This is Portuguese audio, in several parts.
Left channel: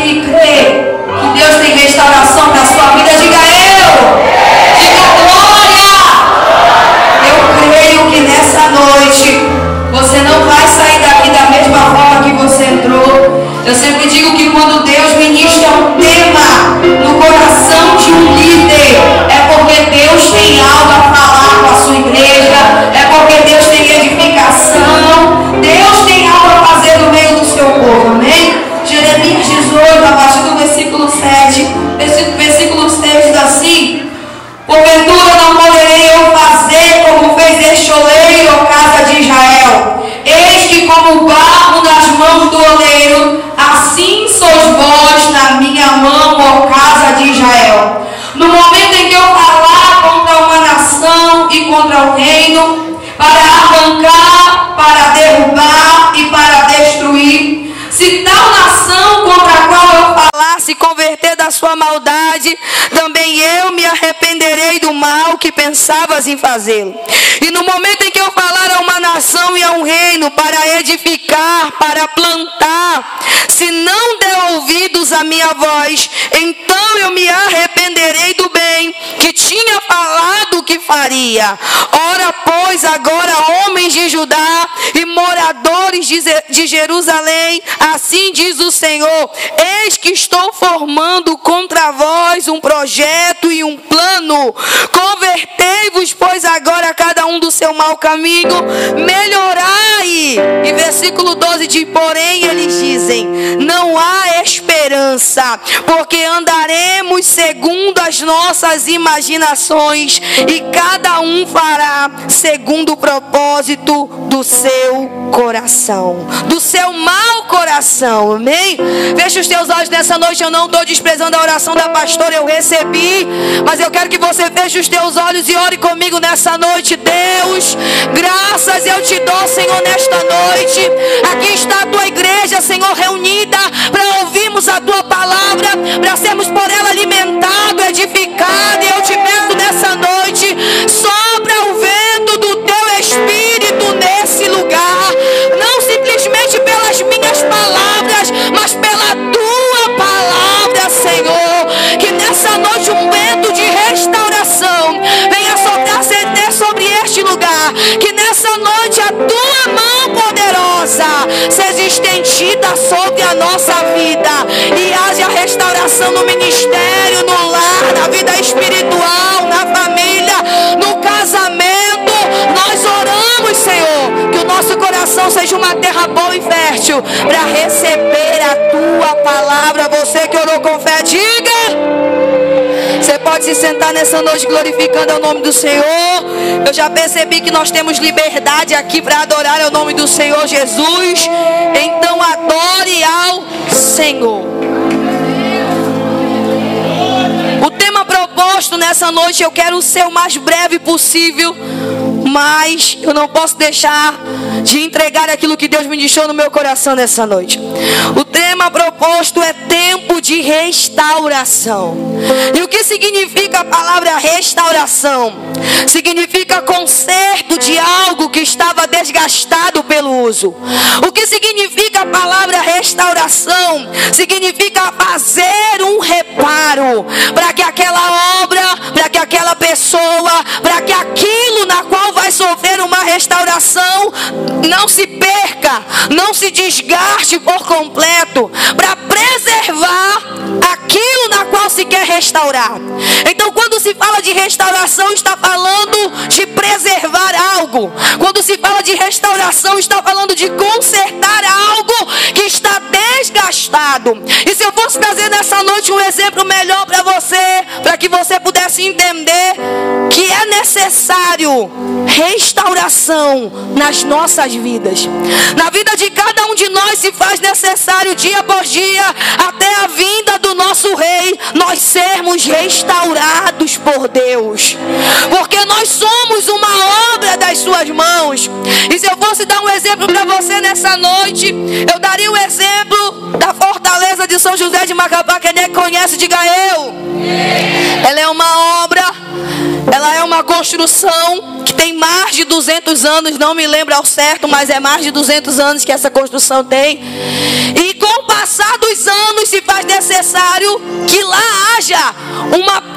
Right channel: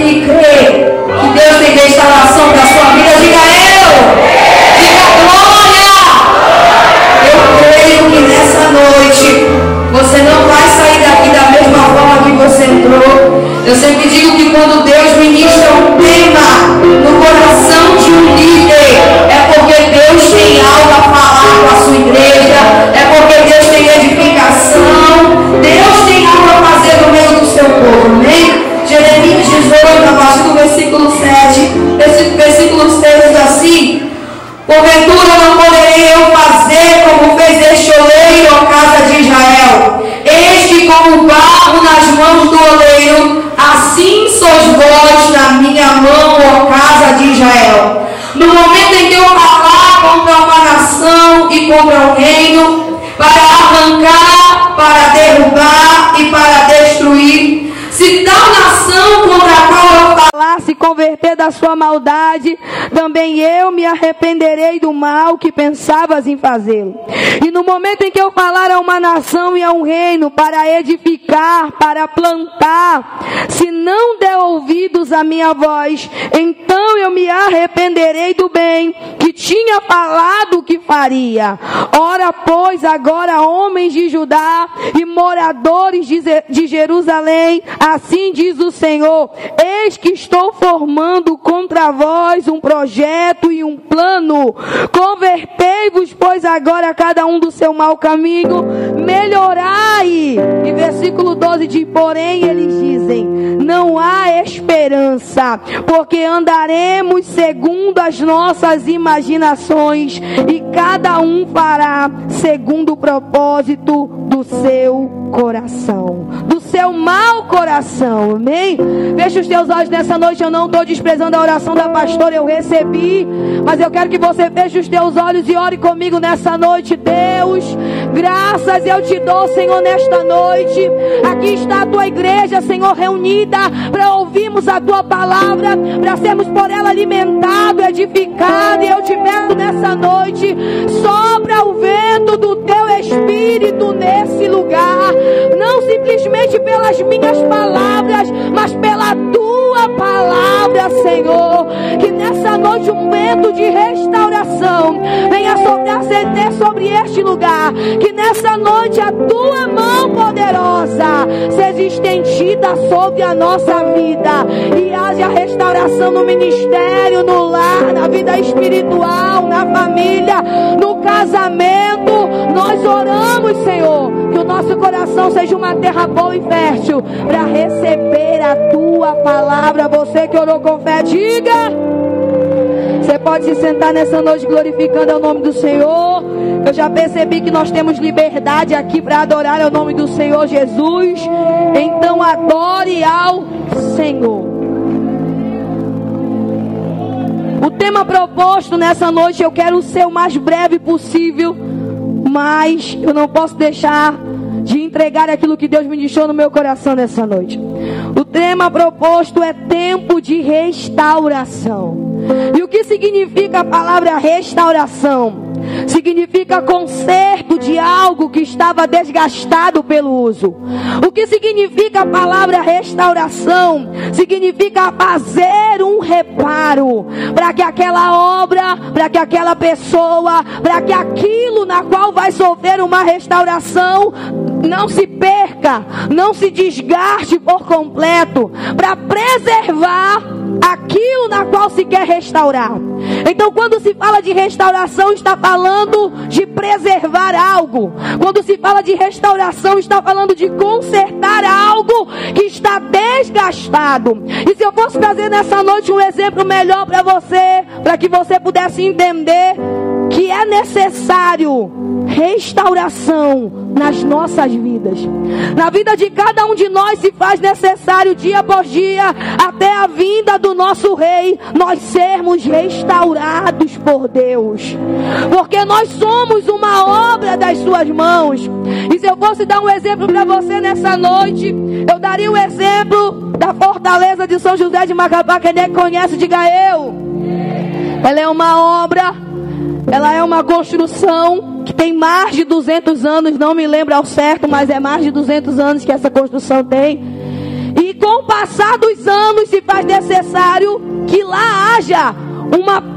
aqui crê que Deus tem restauração para a sua vida? Diga eu. Diga glória. Eu creio que nessa noite você não vai sair daqui da mesma forma que você entrou. Eu sempre digo que quando Deus ministra um tema no coração de um líder, é porque Deus tem algo a falar com a sua igreja, é porque Deus tem edificação, Deus tem algo a fazer no meio do seu povo, amém? Jeremias 18, a partir do versículo 7, versículo 6 diz assim: porventura não poderei eu fazer como fez este oleiro, ó casa de Israel? Eis que como barro nas mãos do oleiro, assim sois vós na minha mão, ó casa de Israel. No momento em que eu falar contra uma nação e contra o reino, para arrancar, para derrubar e para destruir, se tal nação contra a qual eu falar se converter da sua maldade, também eu me arrependerei do mal que pensavas em fazê-lo. E no momento em que eu falar a uma nação e a um reino para edificar, para plantar, se não der ouvidos à minha voz, então eu me arrependerei do bem que tinha falado que faria. Ora, pois, agora, homens de Judá e moradores de Jerusalém, assim diz o Senhor: eis que estou formando contra vós um projeto e um plano. Convertei-vos, pois, agora cada um do seu mau caminho, melhorai. E versículo 12 diz: porém eles dizem, não há esperança, porque andaremos segundo as nossas imaginações, e cada um fará segundo o propósito do seu coração, do seu mau coração, amém? Feche os teus olhos nessa noite. Eu não estou desprezando a oração da pastora, eu recebi, mas eu quero que você feche os teus olhos e ore comigo nessa noite. Deus, graças eu te dou, Senhor, nesta noite. Aqui está a tua igreja, Senhor, reunida para ouvirmos a tua palavra, para sermos por ela alimentados, edificados. E eu te peço nessa noite, sopra o vento do teu Espírito nesse lugar, não simplesmente pelas minhas palavras, mas pela tua palavra, Senhor. Que nessa noite um vento de restauração venha soprar sobre este lugar. Que nessa noite a tua mão poderosa seja estendida sobre a nossa vida, e haja restauração no ministério, no lar, na vida espiritual, na família, no casamento. Nós oramos, Senhor, que o nosso coração seja uma terra boa e fértil para receber a tua palavra. Você que orou com fé, diga. Você pode se sentar nessa noite glorificando o nome do Senhor. Eu já percebi que nós temos liberdade aqui para adorar o nome do Senhor Jesus. Então adore ao Senhor. O tema proposto nessa noite eu quero ser o mais breve possível, mas eu não posso deixar de entregar aquilo que Deus ministrou no meu coração nessa noite. O tema proposto é tempo de restauração. E o que significa a palavra restauração? Significa conserto de algo que estava desgastado pelo uso. O que significa a palavra restauração? Significa fazer um reparo para que aquela obra, para que aquela pessoa, para que aquilo na qual vai sofrer uma restauração não se perca, não se desgaste por completo, para preservar aquilo na qual se quer restaurar. Então, quando se fala de restauração, está falando de preservar algo. Quando se fala de restauração, está falando de consertar algo que está desgastado. E se eu fosse trazer nessa noite um exemplo melhor para você, para que você pudesse entender que é necessário restauração nas nossas vidas. Na vida de cada um de nós se faz necessário dia após dia, até a vinda do nosso Rei, nós sermos restaurados por Deus, porque nós somos uma obra das suas mãos. E se eu fosse dar um exemplo para você nessa noite, eu daria o exemplo da fortaleza de São José de Macapá. Quem é que conhece, diga eu. Ela é uma obra, ela é uma construção que tem mais de 200 anos, não me lembro ao certo, mas é mais de 200 anos que essa construção tem. E com o passar passar dos anos, se faz necessário que lá haja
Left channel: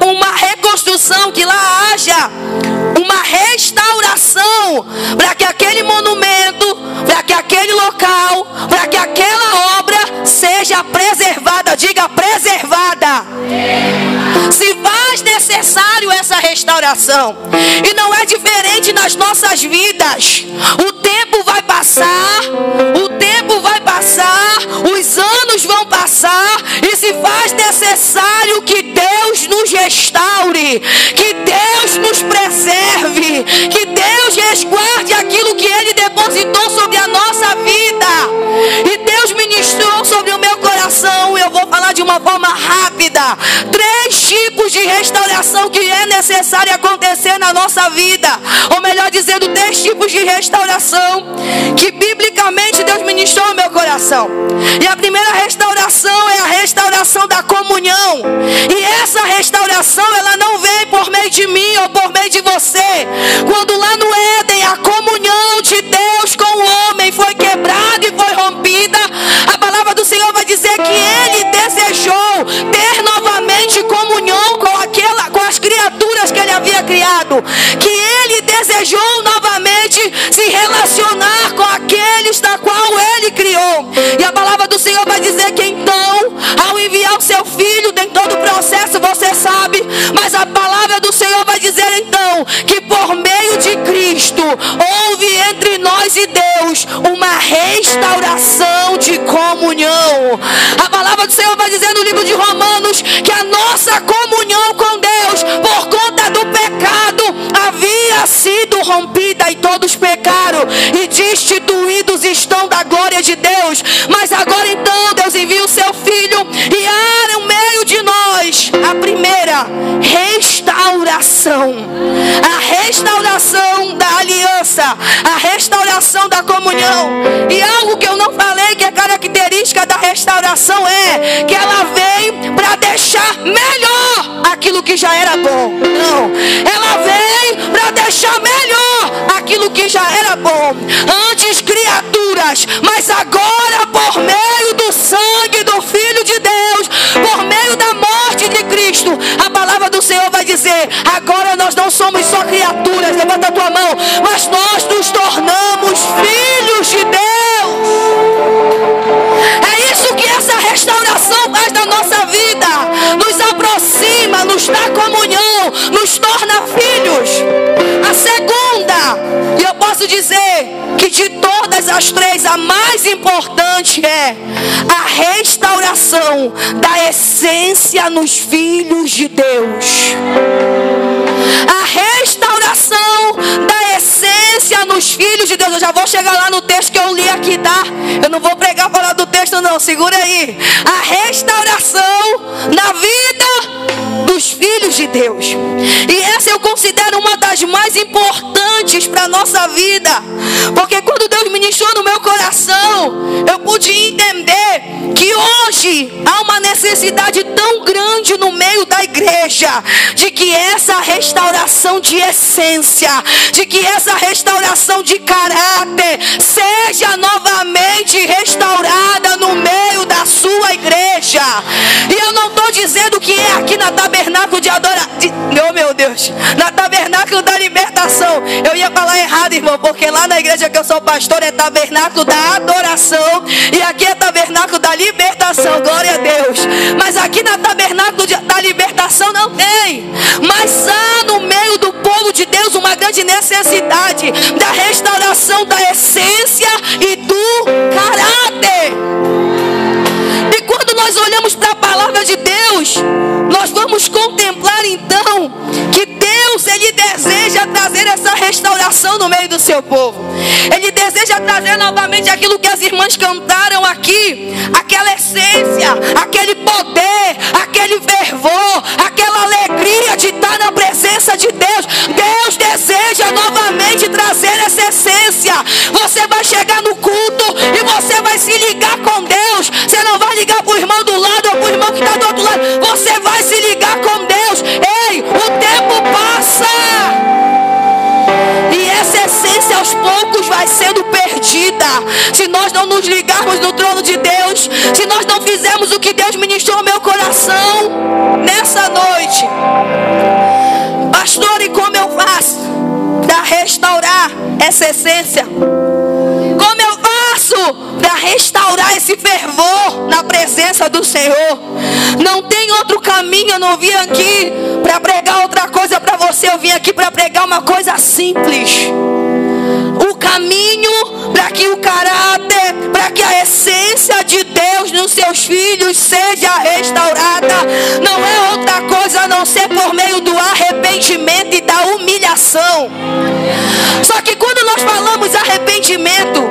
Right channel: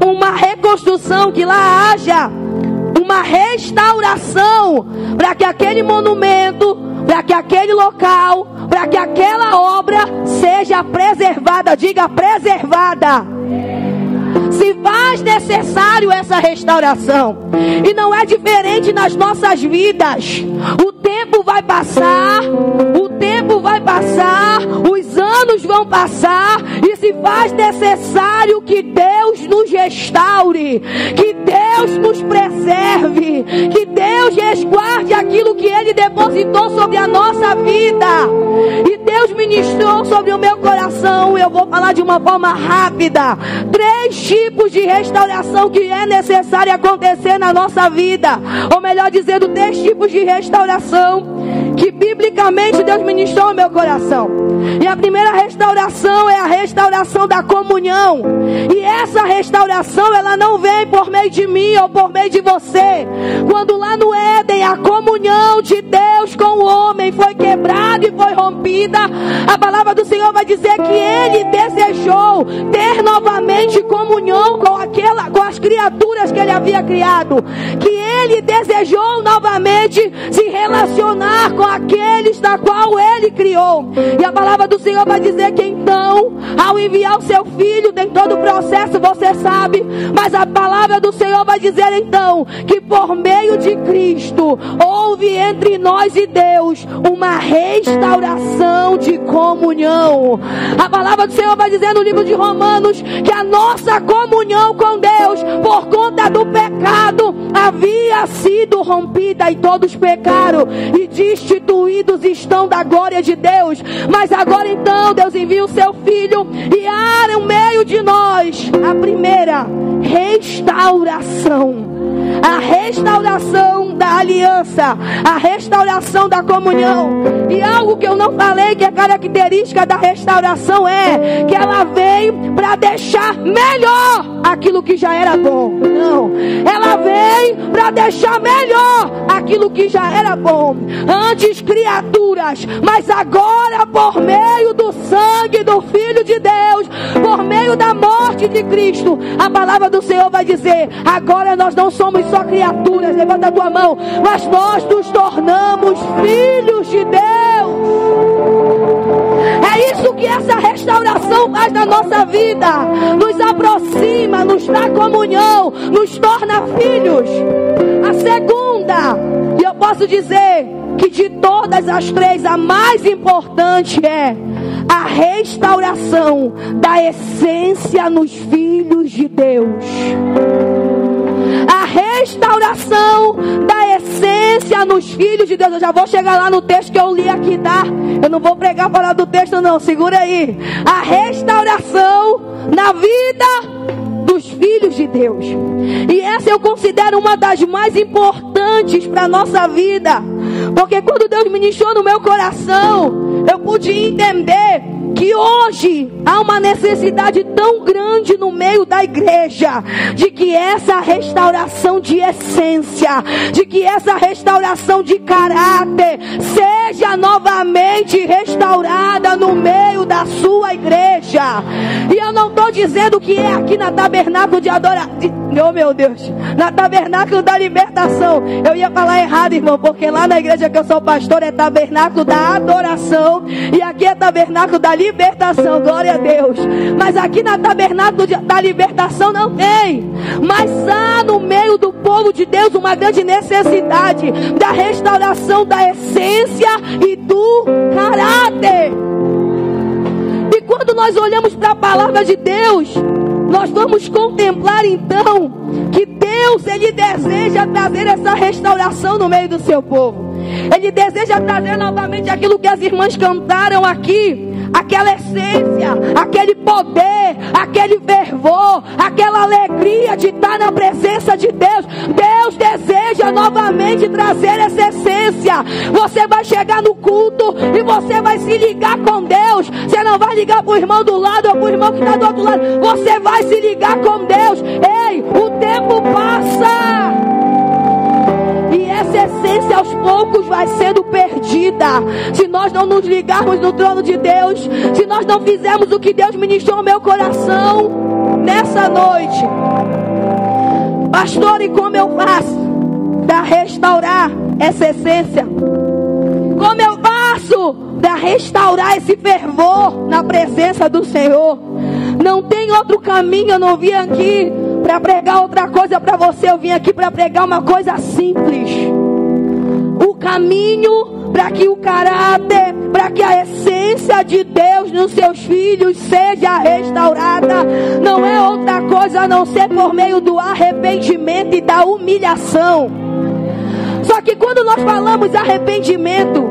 uma reconstrução, que lá haja uma restauração, para que aquele monumento, para que aquele local, para que aquela obra seja preservada. Diga, preservada. Se faz necessário essa restauração. E não é diferente nas nossas vidas. O tempo vai passar, os anos vão passar, e se faz necessário que Deus nos restaure, que Deus nos preserve, que Deus resguarde aquilo que Ele depositou sobre a nossa vida. E Deus ministrou sobre o meu coração. Eu vou falar de uma forma rápida 3 tipos de restauração que é necessário acontecer na nossa vida, ou melhor dizendo, 3 tipos de restauração que biblicamente Deus ministrou no meu coração. E a primeira restauração é a restauração da comunhão. E essa restauração, ela não vem por meio de mim ou por meio de você. Quando lá no Éden a comunhão de Deus com o homem foi quebrada e foi rompida, a palavra do Senhor vai dizer que Ele desejou ter novamente comunhão com as criaturas que Ele havia criado, que Ele desejou novamente se relacionar com aqueles na qual Ele criou. E a palavra do Senhor vai dizer que então, ao enviar o seu Filho, tem todo o processo, você sabe, mas a palavra do Senhor vai dizer então que por meio de Cristo houve entre nós e Deus uma restauração de comunhão. A palavra do Senhor vai dizer no livro de Romanos que a nossa comunhão com Deus, por conta do pecado, havia sido rompida, e todos pecaram e destituídos estão da glória de Deus. Mas agora então Deus envia o seu Filho e há no meio de nós a primeira restauração, a restauração da aliança, a restauração da comunhão. E algo que eu não falei, que é característica da restauração, é que ela vem para deixar melhor aquilo que já era bom. Não, ela vem para deixar melhor aquilo que já era bom. Antes criaturas, mas agora por meio do sangue do Filho de Deus, por meio da morte de Cristo, a palavra do Senhor vai dizer: agora nós não somos só criaturas, levanta a tua mão, mas nós nos tornamos filhos de Deus. É isso que essa restauração faz na nossa vida, nos aproxima, nos dá comunhão, nos torna filhos. A segunda, e eu posso dizer que de todas as 3, a mais importante é a restauração da essência nos filhos de Deus. A restauração da essência nos filhos de Deus. Eu já vou chegar lá no texto que eu li aqui, tá? Eu não vou pregar fora do texto não, segura aí. A restauração na vida dos filhos de Deus. E essa eu considero uma das mais importantes para a nossa vida, porque quando Deus ministrou no meu coração, eu pude entender que hoje há uma necessidade tão grande no meio da igreja, de que essa restauração de essência, de que essa restauração de caráter seja novamente restaurada no meio da sua igreja. E eu não estou dizendo que é aqui na Tabernáculo de Adoração, oh meu Deus, na Tabernáculo da Libertação. Eu ia falar errado, irmão, porque lá na igreja que eu sou pastor é Tabernáculo da Adoração, e aqui é Tabernáculo da Libertação, glória a Deus. Mas aqui na Tabernáculo da Libertação não tem, mas há no meio do povo de Deus uma grande necessidade da restauração da essência e do caráter. E quando nós olhamos para a palavra de Deus, nós vamos contemplar então que Deus, Ele deseja trazer essa restauração no meio do seu povo. Ele deseja trazer novamente aquilo que as irmãs cantaram aqui, aquela essência, aquele poder, aquele fervor, aquela alegria de estar na presença de Deus. Deus deseja novamente trazer essa essência. Você vai chegar no culto e você vai se ligar com Deus. Você não vai ligar para o irmão do lado ou para o irmão que está do outro lado. Você vai se ligar com Deus. Ei, o tempo passa, e essa essência aos poucos vai vai sendo perdida. Se nós não nos ligarmos no trono de Deus, se nós não fizermos o que Deus ministrou no meu coração nessa noite. Pastor, e como eu faço para restaurar essa essência? Como eu faço para restaurar esse fervor na presença do Senhor? Não tem outro caminho. Eu não vim aqui para pregar outra coisa para você. Eu vim aqui para pregar uma coisa simples. O caminho para que o caráter, para que a essência de Deus nos seus filhos seja restaurada, não é outra coisa a não ser por meio do arrependimento e da humilhação. Só que quando nós falamos arrependimento,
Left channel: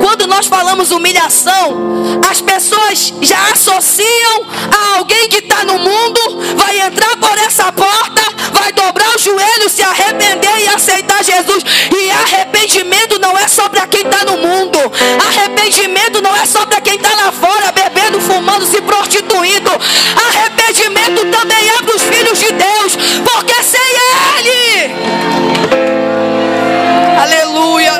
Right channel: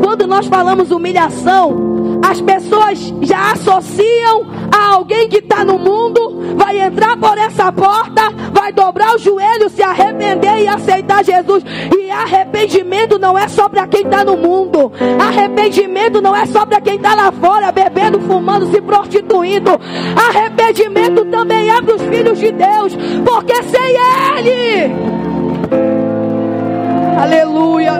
quando nós falamos humilhação, as pessoas já associam a alguém que está no mundo, vai entrar por essa porta, vai dobrar o joelho, se arrepender e aceitar Jesus. E arrependimento não é só para quem está no mundo. Arrependimento não é só para quem está lá fora, bebendo, fumando, se prostituindo. Arrependimento também é para os filhos de Deus, porque sem Ele, aleluia,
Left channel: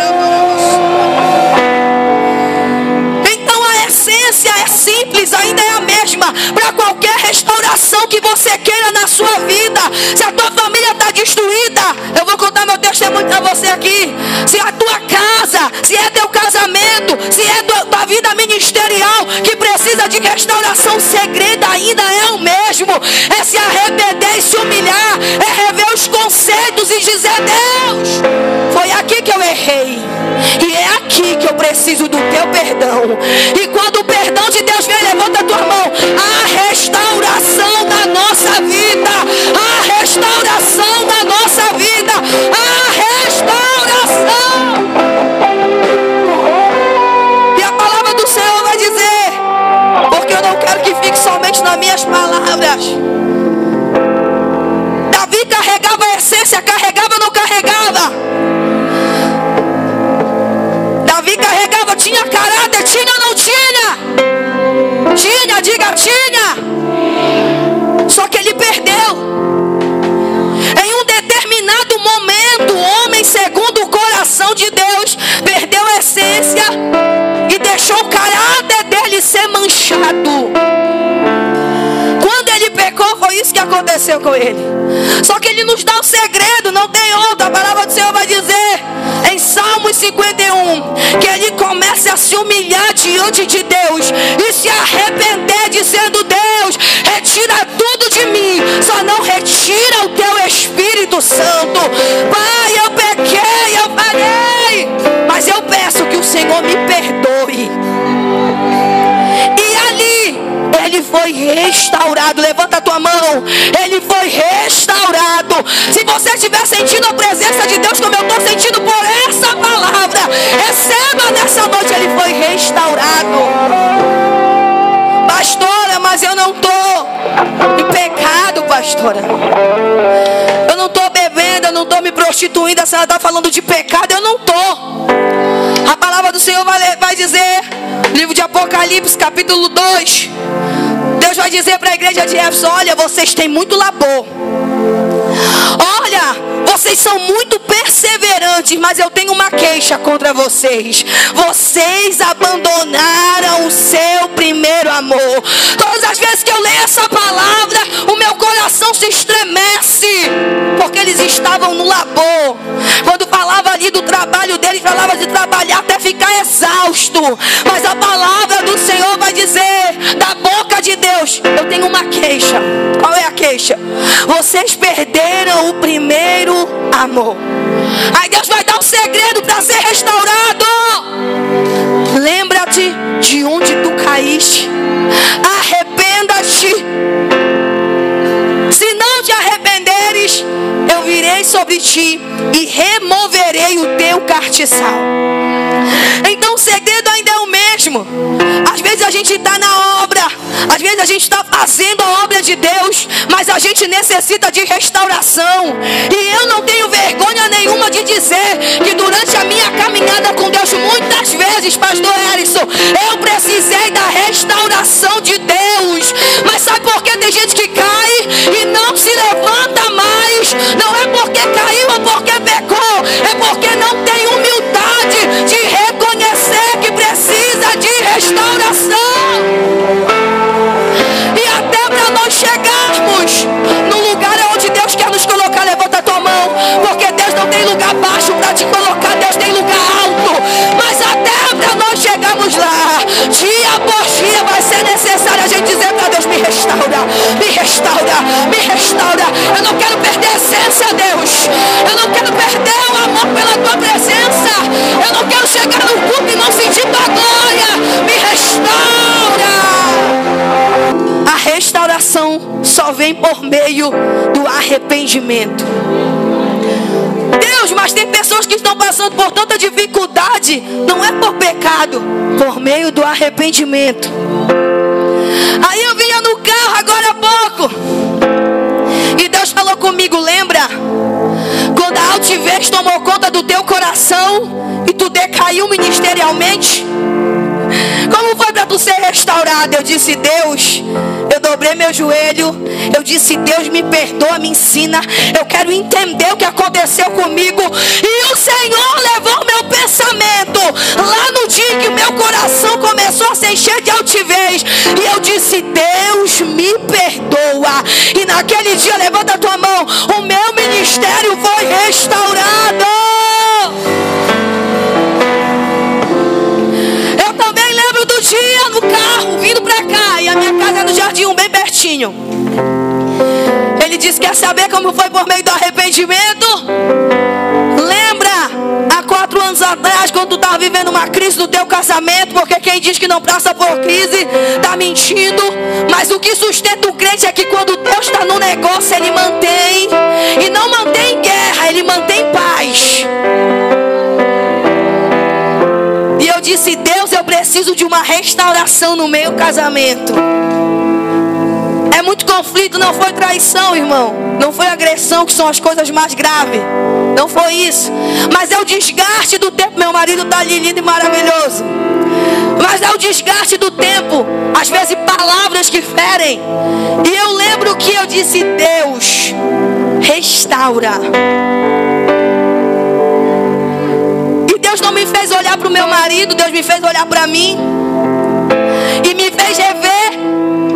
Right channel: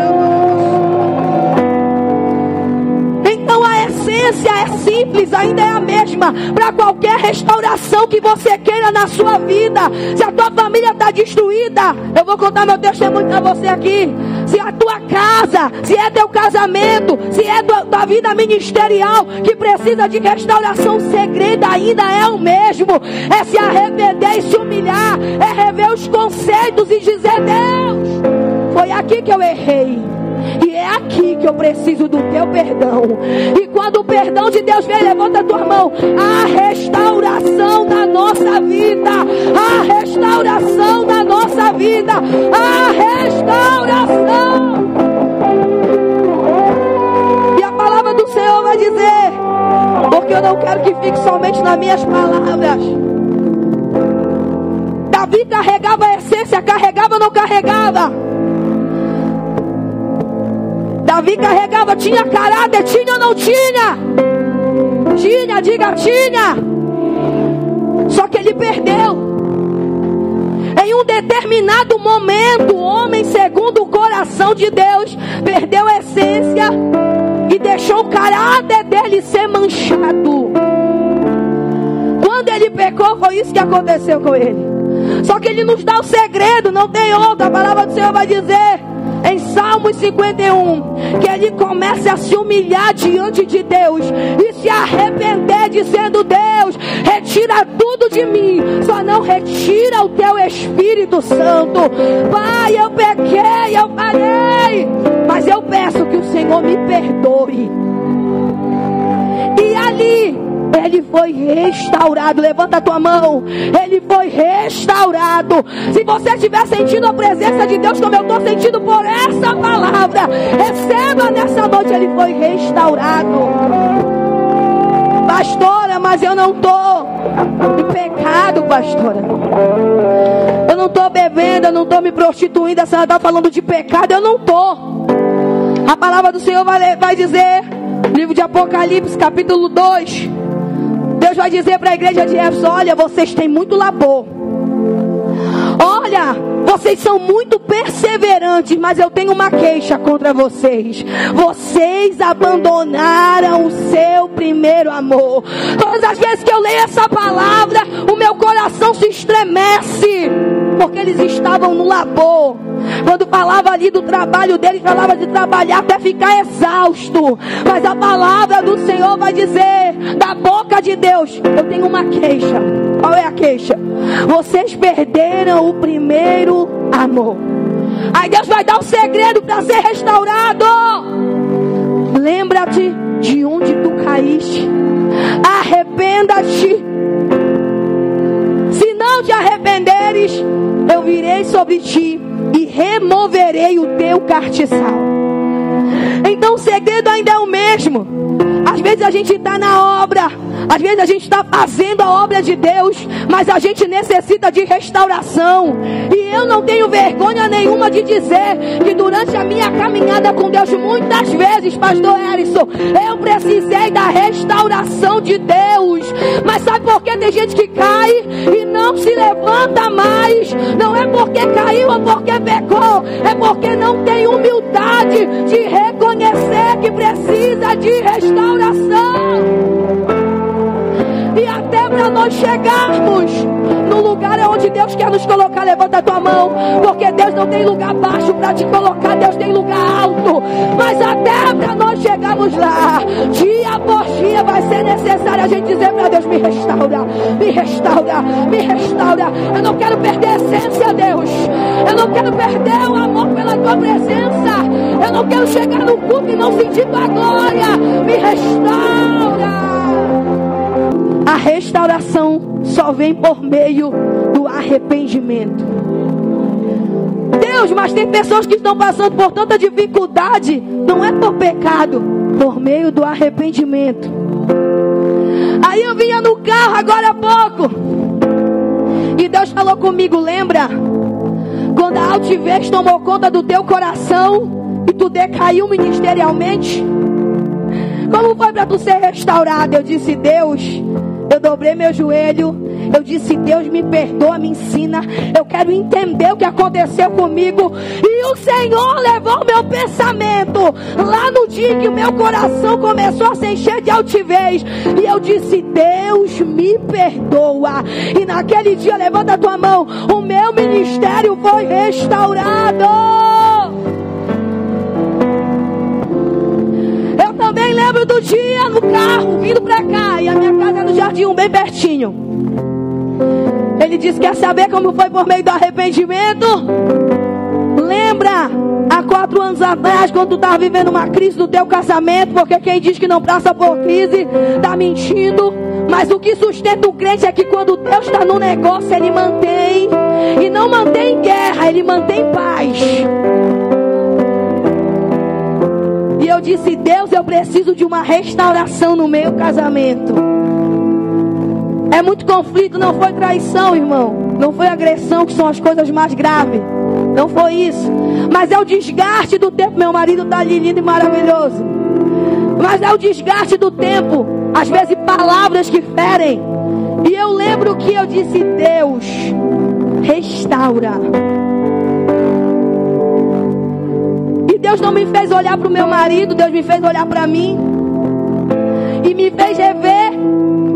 então a essência é simples, ainda é a mesma para qualquer restauração que você queira na sua vida. Se a tua família está destruída, eu vou contar meu testemunho para você aqui. Se a tua casa, se é teu casamento, se é tua vida ministerial que precisa de restauração, o segredo ainda é o mesmo. É se arrepender e se humilhar, é rever os conceitos e dizer: Deus, foi aqui que eu errei, e é aqui que eu preciso do teu perdão. E quando o perdão de Deus vem, levanta a tua mão. A restauração da nossa vida, a restauração da nossa vida, a restauração. E a palavra do Senhor vai dizer, porque eu não quero que fique somente nas minhas palavras. Davi carregava a essência, carregava ou não carregava? Davi carregava, tinha caráter, tinha ou não tinha? Tinha, diga tinha. Só que ele perdeu. Em um determinado momento, o homem segundo o coração de Deus perdeu a essência e deixou o caráter dele ser manchado. Quando ele pecou, foi isso que aconteceu com ele. Só que ele nos dá o segredo, não tem outro. A palavra do Senhor vai dizer em Salmos 51 que ele começa a se humilhar diante de Deus e se arrepender, dizendo: Deus, retira tudo de mim, só não retira o teu Espírito Santo. Pai, eu pequei, eu falhei, mas eu peço que o Senhor me perdoe. E ali ele foi restaurado. Levanta a tua mão. Ele foi restaurado. Se você estiver sentindo a presença de Deus como eu estou sentindo por essa palavra, receba nessa noite. Ele foi restaurado. Pastora, mas eu não estou em pecado, pastora. Eu não estou bebendo, eu não estou me prostituindo. A senhora está falando de pecado, eu não estou. A palavra do Senhor vai dizer, livro de Apocalipse, capítulo 2. Deus vai dizer para a igreja de Éfeso: olha, vocês têm muito labor. Olha, vocês são muito perseverantes, mas eu tenho uma queixa contra vocês. Vocês abandonaram o seu primeiro amor. Todas as vezes que eu leio essa palavra, o meu coração se estremece, porque eles estavam no labor. Quando falava ali do trabalho deles, falava de trabalhar até ficar exausto. Mas a palavra do Senhor vai dizer, da boca de Deus: eu tenho uma queixa. Qual é a queixa? Vocês perderam o primeiro amor. Aí Deus vai dar um segredo para ser restaurado. Lembra-te de onde tu caíste. Arrependa-te. Se não te arrependeres, eu virei sobre ti e removerei o teu castiçal. Então o segredo ainda é o mesmo. Às vezes a gente está na obra, às vezes a gente está fazendo a obra de Deus, mas a gente necessita de restauração. E eu não tenho vergonha nenhuma de dizer que durante a minha caminhada com Deus, muitas vezes, pastor Erison, eu precisei da restauração de Deus. Mas sabe por que tem gente que cai e não se levanta mais? Não é porque caiu ou porque pecou, é porque não tem humildade de te colocar, Deus tem lugar alto. Mas até para nós chegarmos lá, dia após dia vai ser necessário a gente dizer para Deus: me restaura, me restaura, me restaura. Eu não quero perder a essência, Deus. Eu não quero perder o amor pela tua presença. Eu não quero chegar no culto e não sentir tua glória. Me restaura. A restauração só vem por meio do arrependimento. Deus, mas tem pessoas que estão passando por tanta dificuldade. Não é por pecado, por meio do arrependimento. Aí eu vinha no carro agora há pouco e Deus falou comigo: lembra quando a altivez tomou conta do teu coração e tu decaiu ministerialmente? Como foi para tu ser restaurado? Eu disse: Deus, eu dobrei meu joelho. Eu disse: Deus, me perdoa, me ensina. Eu quero entender o que aconteceu comigo. E o Senhor levou meu pensamento lá no dia que o meu coração começou a se encher de altivez. E eu disse: Deus, me perdoa. E naquele dia, levanta a tua mão, o meu ministério foi restaurado. Do dia no carro, vindo pra cá, e a minha casa é no Jardim, bem pertinho. Ele disse: quer saber como foi por meio do arrependimento? Lembra há 4 anos atrás, quando tu estava vivendo uma crise no teu casamento? Porque quem diz que não passa por crise está mentindo. Mas o que sustenta o crente é que quando Deus está no negócio, Ele mantém. E não mantém guerra, Ele mantém paz. E eu disse: Deus, eu preciso de uma restauração no meu casamento. É muito conflito, não foi traição, irmão. Não foi agressão, que são as coisas mais graves. Não foi isso. Mas é o desgaste do tempo. Meu marido está ali lindo e maravilhoso. Mas é o desgaste do tempo. Às vezes palavras que ferem. E eu lembro que eu disse: Deus, restaura. Deus não me fez olhar para o meu marido, Deus me fez olhar para mim. E me fez rever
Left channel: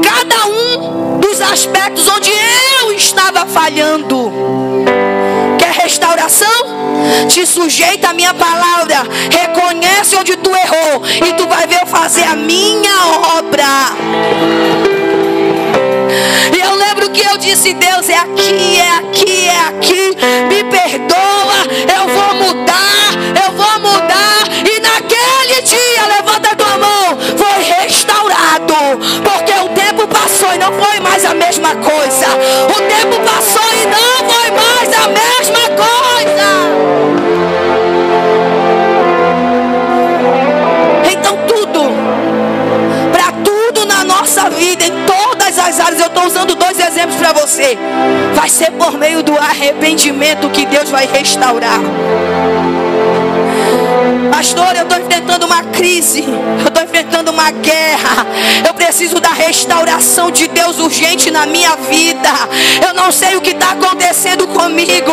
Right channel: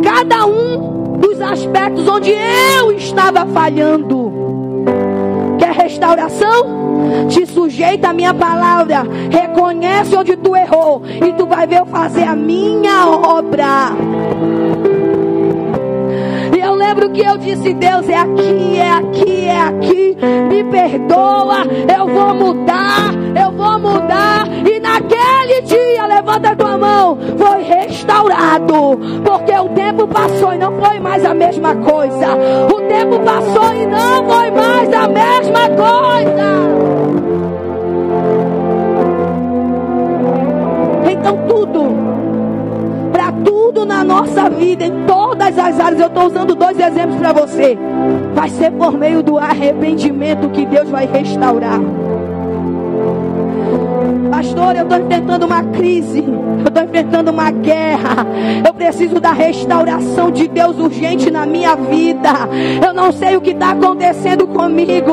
cada um dos aspectos onde eu estava falhando. Quer restauração? Te sujeita à minha palavra. Reconhece onde tu errou e tu vai ver eu fazer a minha obra. E eu lembro que eu disse: Deus, é aqui, é aqui, é aqui. Me perdoa, eu vou mudar. E naquele dia, levanta a tua mão, foi restaurado. Porque o tempo passou e não foi mais a mesma coisa. O tempo passou e não foi mais a mesma coisa. Então para tudo na nossa vida, em todas as áreas, eu estou usando 2 exemplos para você. Vai ser por meio do arrependimento que Deus vai restaurar. Pastor, eu estou enfrentando uma crise, eu estou enfrentando uma guerra. Eu preciso da restauração de Deus urgente na minha vida. Eu não sei o que está acontecendo comigo.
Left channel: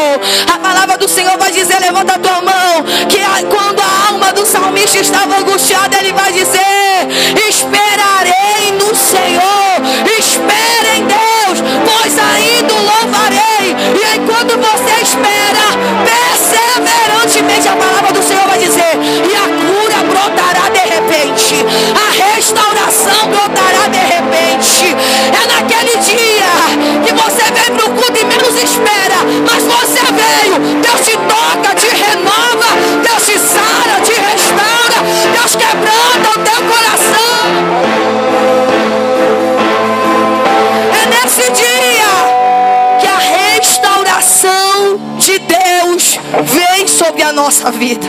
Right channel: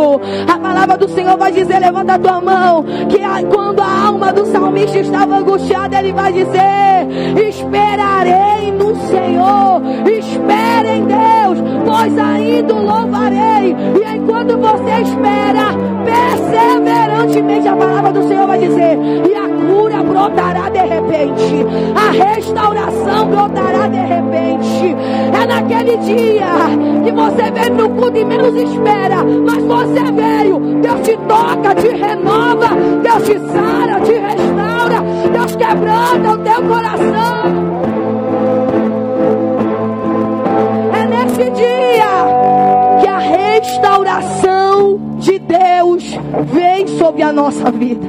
A palavra do Senhor vai dizer: levanta a tua mão, que quando a alma do salmista estava angustiada, ele vai dizer: esperarei no Senhor. Espera em Deus, pois ainda o louvarei. E enquanto você espera perseverantemente, a palavra do Senhor vai dizer: e a cura brotará de repente, a restauração brotará de repente. É naquele dia que você vem para o culto e menos espera, mas você veio, Deus te toca, te renova, Deus te sara, te restaura, Deus quebranta o teu coração. É nesse dia que a restauração de Deus vem sobre a nossa vida.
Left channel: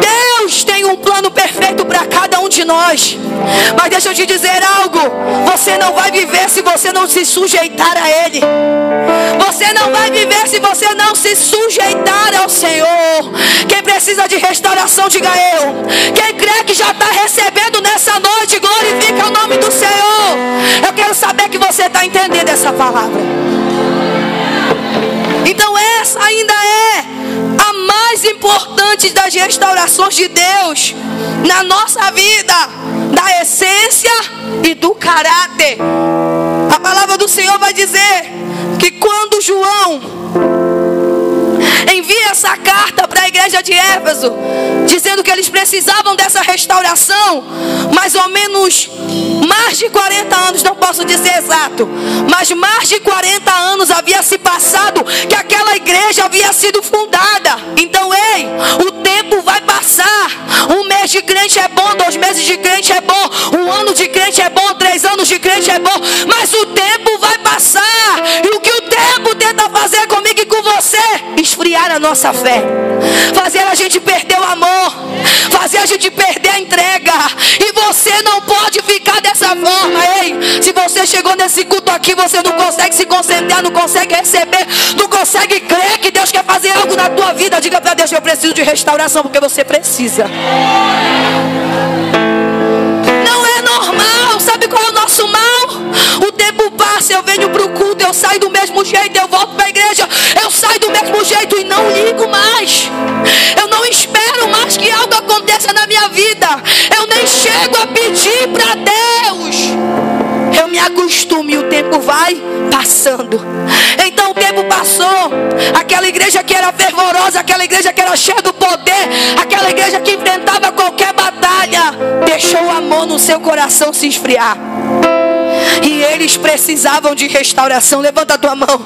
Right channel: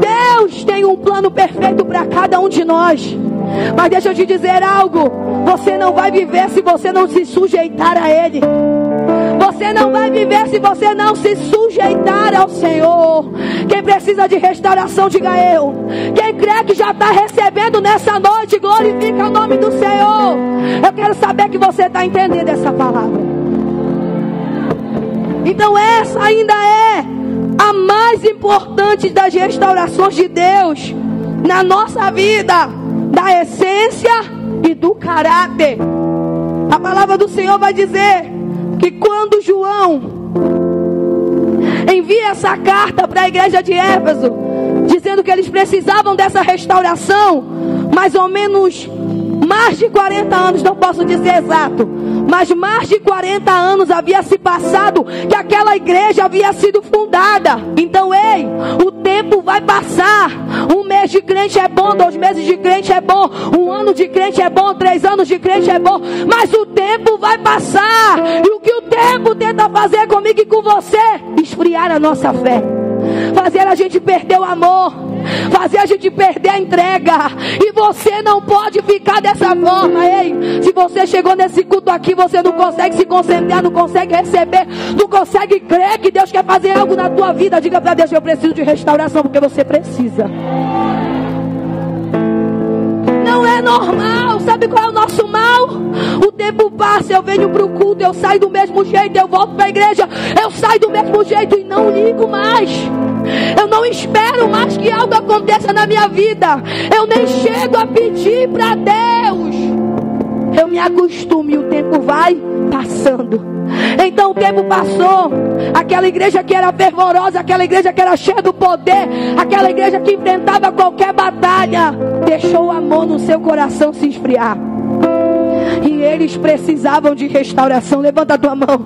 Deus tem um plano perfeito para cada um de nós. Mas deixa eu te dizer algo: você não vai viver se você não se sujeitar a Ele. Você não vai viver se você não se sujeitar ao Senhor. Quem precisa de restauração, diga eu. Quem crê que já está recebendo nessa noite, glorifica o nome do Senhor. Eu quero saber que você está entendendo essa palavra. Então essa ainda é a mais importante das restaurações de Deus na nossa vida, da essência e do caráter. A palavra do Senhor vai dizer que quando João envia essa carta para a igreja de Éfeso, dizendo que eles precisavam dessa restauração, mais ou menos mais de 40 anos, não posso dizer exato, mas mais de 40 anos havia se passado que aquela igreja havia sido fundada. Então, ei, o tempo vai passar. Um mês de crente é bom, 2 meses de crente é bom, 1 ano de crente é bom, 3 anos de crente é bom, mas o tempo vai passar. E o que o tempo tenta fazer comigo e com você? Esfriar a nossa fé, fazer a gente perder o amor, fazer a gente perder a entrega. E você não pode ficar dessa forma. Ei, se você chegou nesse culto aqui, você não consegue se concentrar, não consegue receber, não consegue crer que Deus quer fazer algo na tua vida, diga para Deus: eu preciso de restauração, porque você precisa. Não é normal. Sabe qual é o nosso mal? O tempo passa, eu venho para o culto, eu saio do mesmo jeito, eu volto para a igreja, eu saio do mesmo jeito e não ligo mais. Eu não espero mais que algo aconteça na minha vida. Eu nem chego a pedir para Deus. Eu me acostumo e o tempo vai passando. Então o tempo passou. Aquela igreja que era fervorosa, aquela igreja que era cheia do poder, aquela igreja que enfrentava qualquer batalha, deixou o amor no seu coração se esfriar. E eles precisavam de restauração. Levanta a tua mão.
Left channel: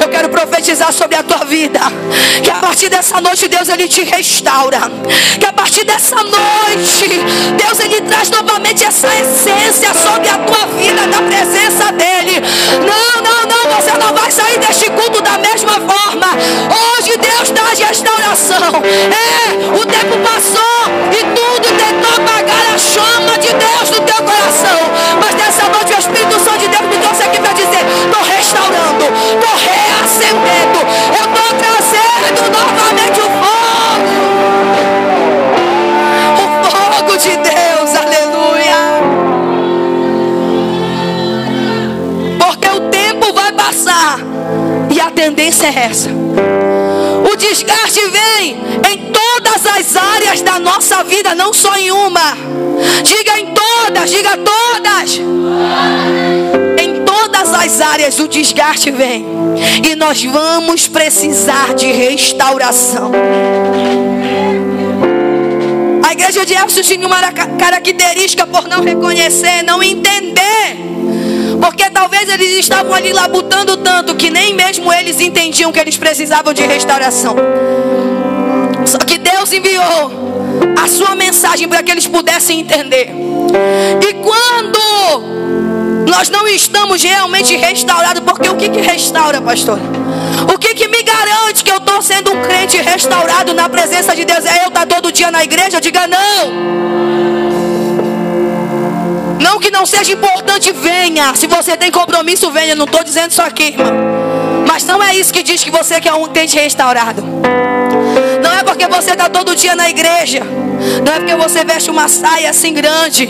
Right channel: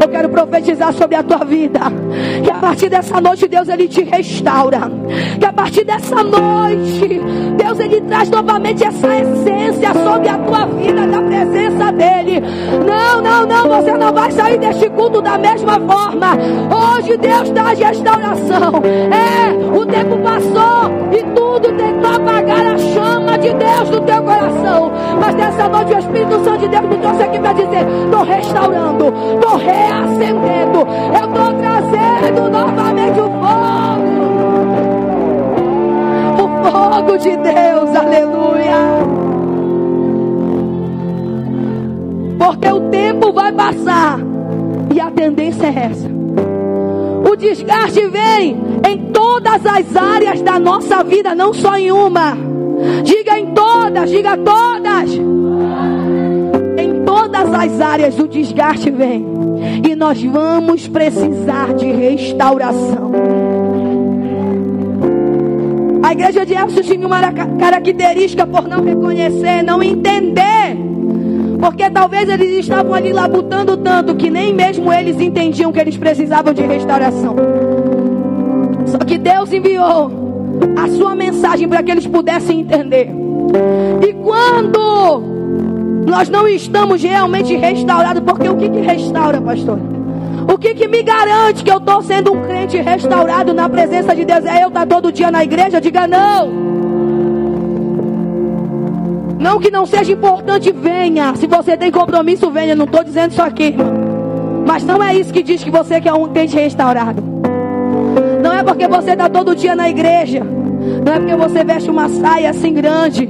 Eu quero profetizar sobre a tua vida, que a partir dessa noite Deus ele te restaura. Que a partir dessa noite Deus ele traz novamente essa essência sobre a tua vida, da presença dele. Não, você não vai sair deste culto da mesma forma. Hoje Deus traz restauração. O tempo passou e tudo tentou apagar a chama de Deus no teu coração, mas nessa noite o Espírito Santo de Deus me trouxe aqui para dizer: estou restaurando, estou reacendendo, eu estou trazendo novamente o fogo de Deus, aleluia. Porque o tempo vai passar e a tendência é essa. O desgaste vem em todas as áreas da nossa vida, não só em uma. Diga em todas, diga todas. Em todas as áreas o desgaste vem. E nós vamos precisar de restauração. A igreja de Éfeso tinha uma característica por não reconhecer, não entender. Porque talvez eles estavam ali labutando tanto que nem mesmo eles entendiam que eles precisavam de restauração. Só que Deus enviou a sua mensagem para que eles pudessem entender. E quando nós não estamos realmente restaurados, porque o que restaura, pastor? O que me garante que eu estou sendo um crente restaurado na presença de Deus? É eu estar todo dia na igreja? Diga não. Não que não seja importante, venha. Se você tem compromisso, venha. Não estou dizendo isso aqui, irmão. Mas não é isso que diz que você é um crente restaurado. Não é porque você está todo dia na igreja. Não é porque você veste uma saia assim grande.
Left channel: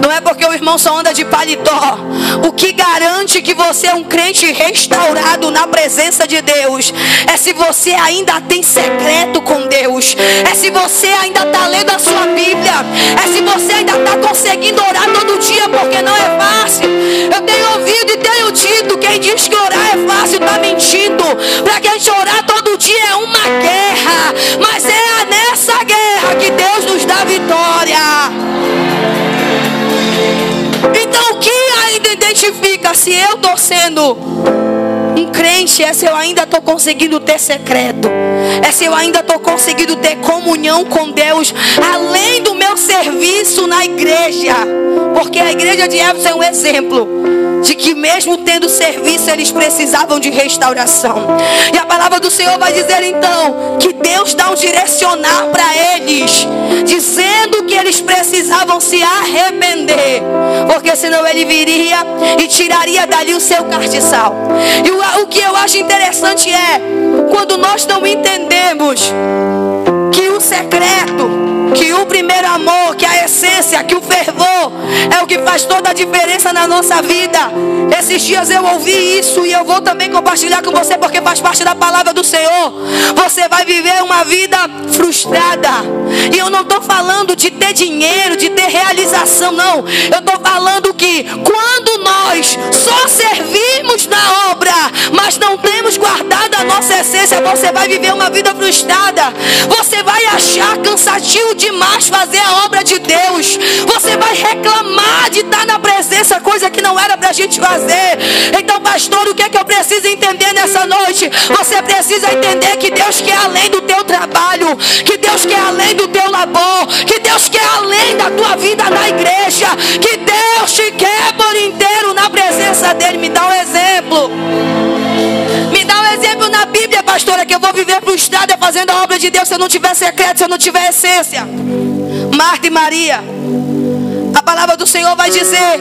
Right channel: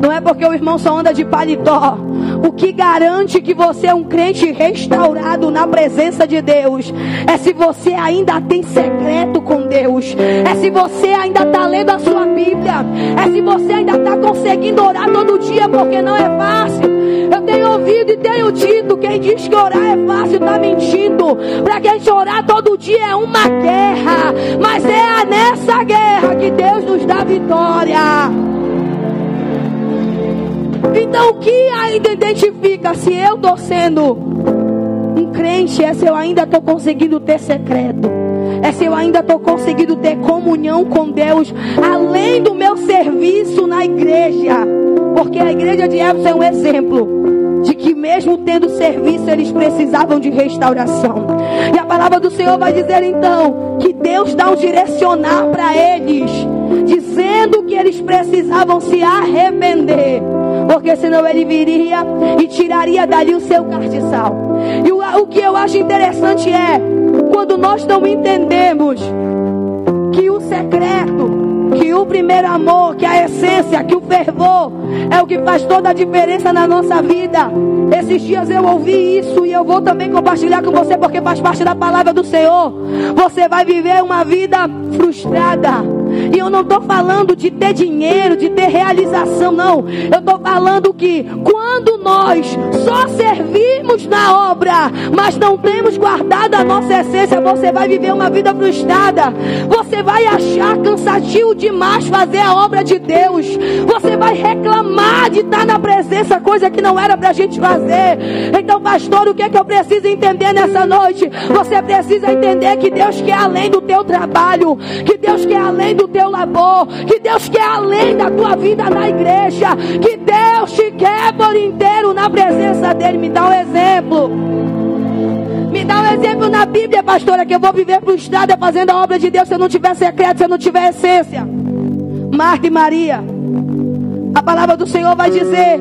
Não é porque o irmão só anda de paletó. O que garante que você é um crente restaurado na presença de Deus é se você ainda tem secreto com Deus. É se você ainda está lendo a sua Bíblia. É se você ainda está conseguindo orar todo dia, porque não é fácil. Eu tenho ouvido e tenho dito: quem diz que orar é fácil está mentindo. Para que a gente orar todo dia é uma guerra. Mas é nessa guerra que Deus nos dá vitória. Então o que ainda identifica se eu estou sendo um crente? É se eu ainda estou conseguindo ter secreto. É se eu ainda estou conseguindo ter comunhão com Deus, além do meu serviço na igreja. Porque a igreja de Éfeso é um exemplo de que mesmo tendo serviço, eles precisavam de restauração. E a palavra do Senhor vai dizer então que Deus dá um direcionar para eles, dizendo que eles precisavam se arrepender, porque senão ele viria e tiraria dali o seu castiçal. E o que eu acho interessante é quando nós não entendemos que o secreto, que o primeiro amor, que a essência, que o fervor é o que faz toda a diferença na nossa vida. Esses dias eu ouvi isso e eu vou também compartilhar com você, porque faz parte da palavra do Senhor. Você vai viver uma vida frustrada. E eu não estou falando de ter dinheiro, de ter realização, não. Eu estou falando que quando nós nós só servimos na obra, mas não temos guardado a nossa essência, você vai viver uma vida frustrada. Você vai achar cansativo demais fazer a obra de Deus. Você vai reclamar de estar na presença, coisa que não era pra gente fazer. Então, pastor, o que é que eu preciso entender nessa noite? Você precisa entender que Deus quer além do teu trabalho, que Deus quer além do teu labor, que Deus quer além da tua vida na igreja, que Deus te quer por inteiro na presença dele. Me dá um exemplo. Me dá um exemplo na Bíblia, pastora, que eu vou viver frustrada fazendo a obra de Deus se eu não tiver secreto, se eu não tiver essência. Marta e Maria. A palavra do Senhor vai dizer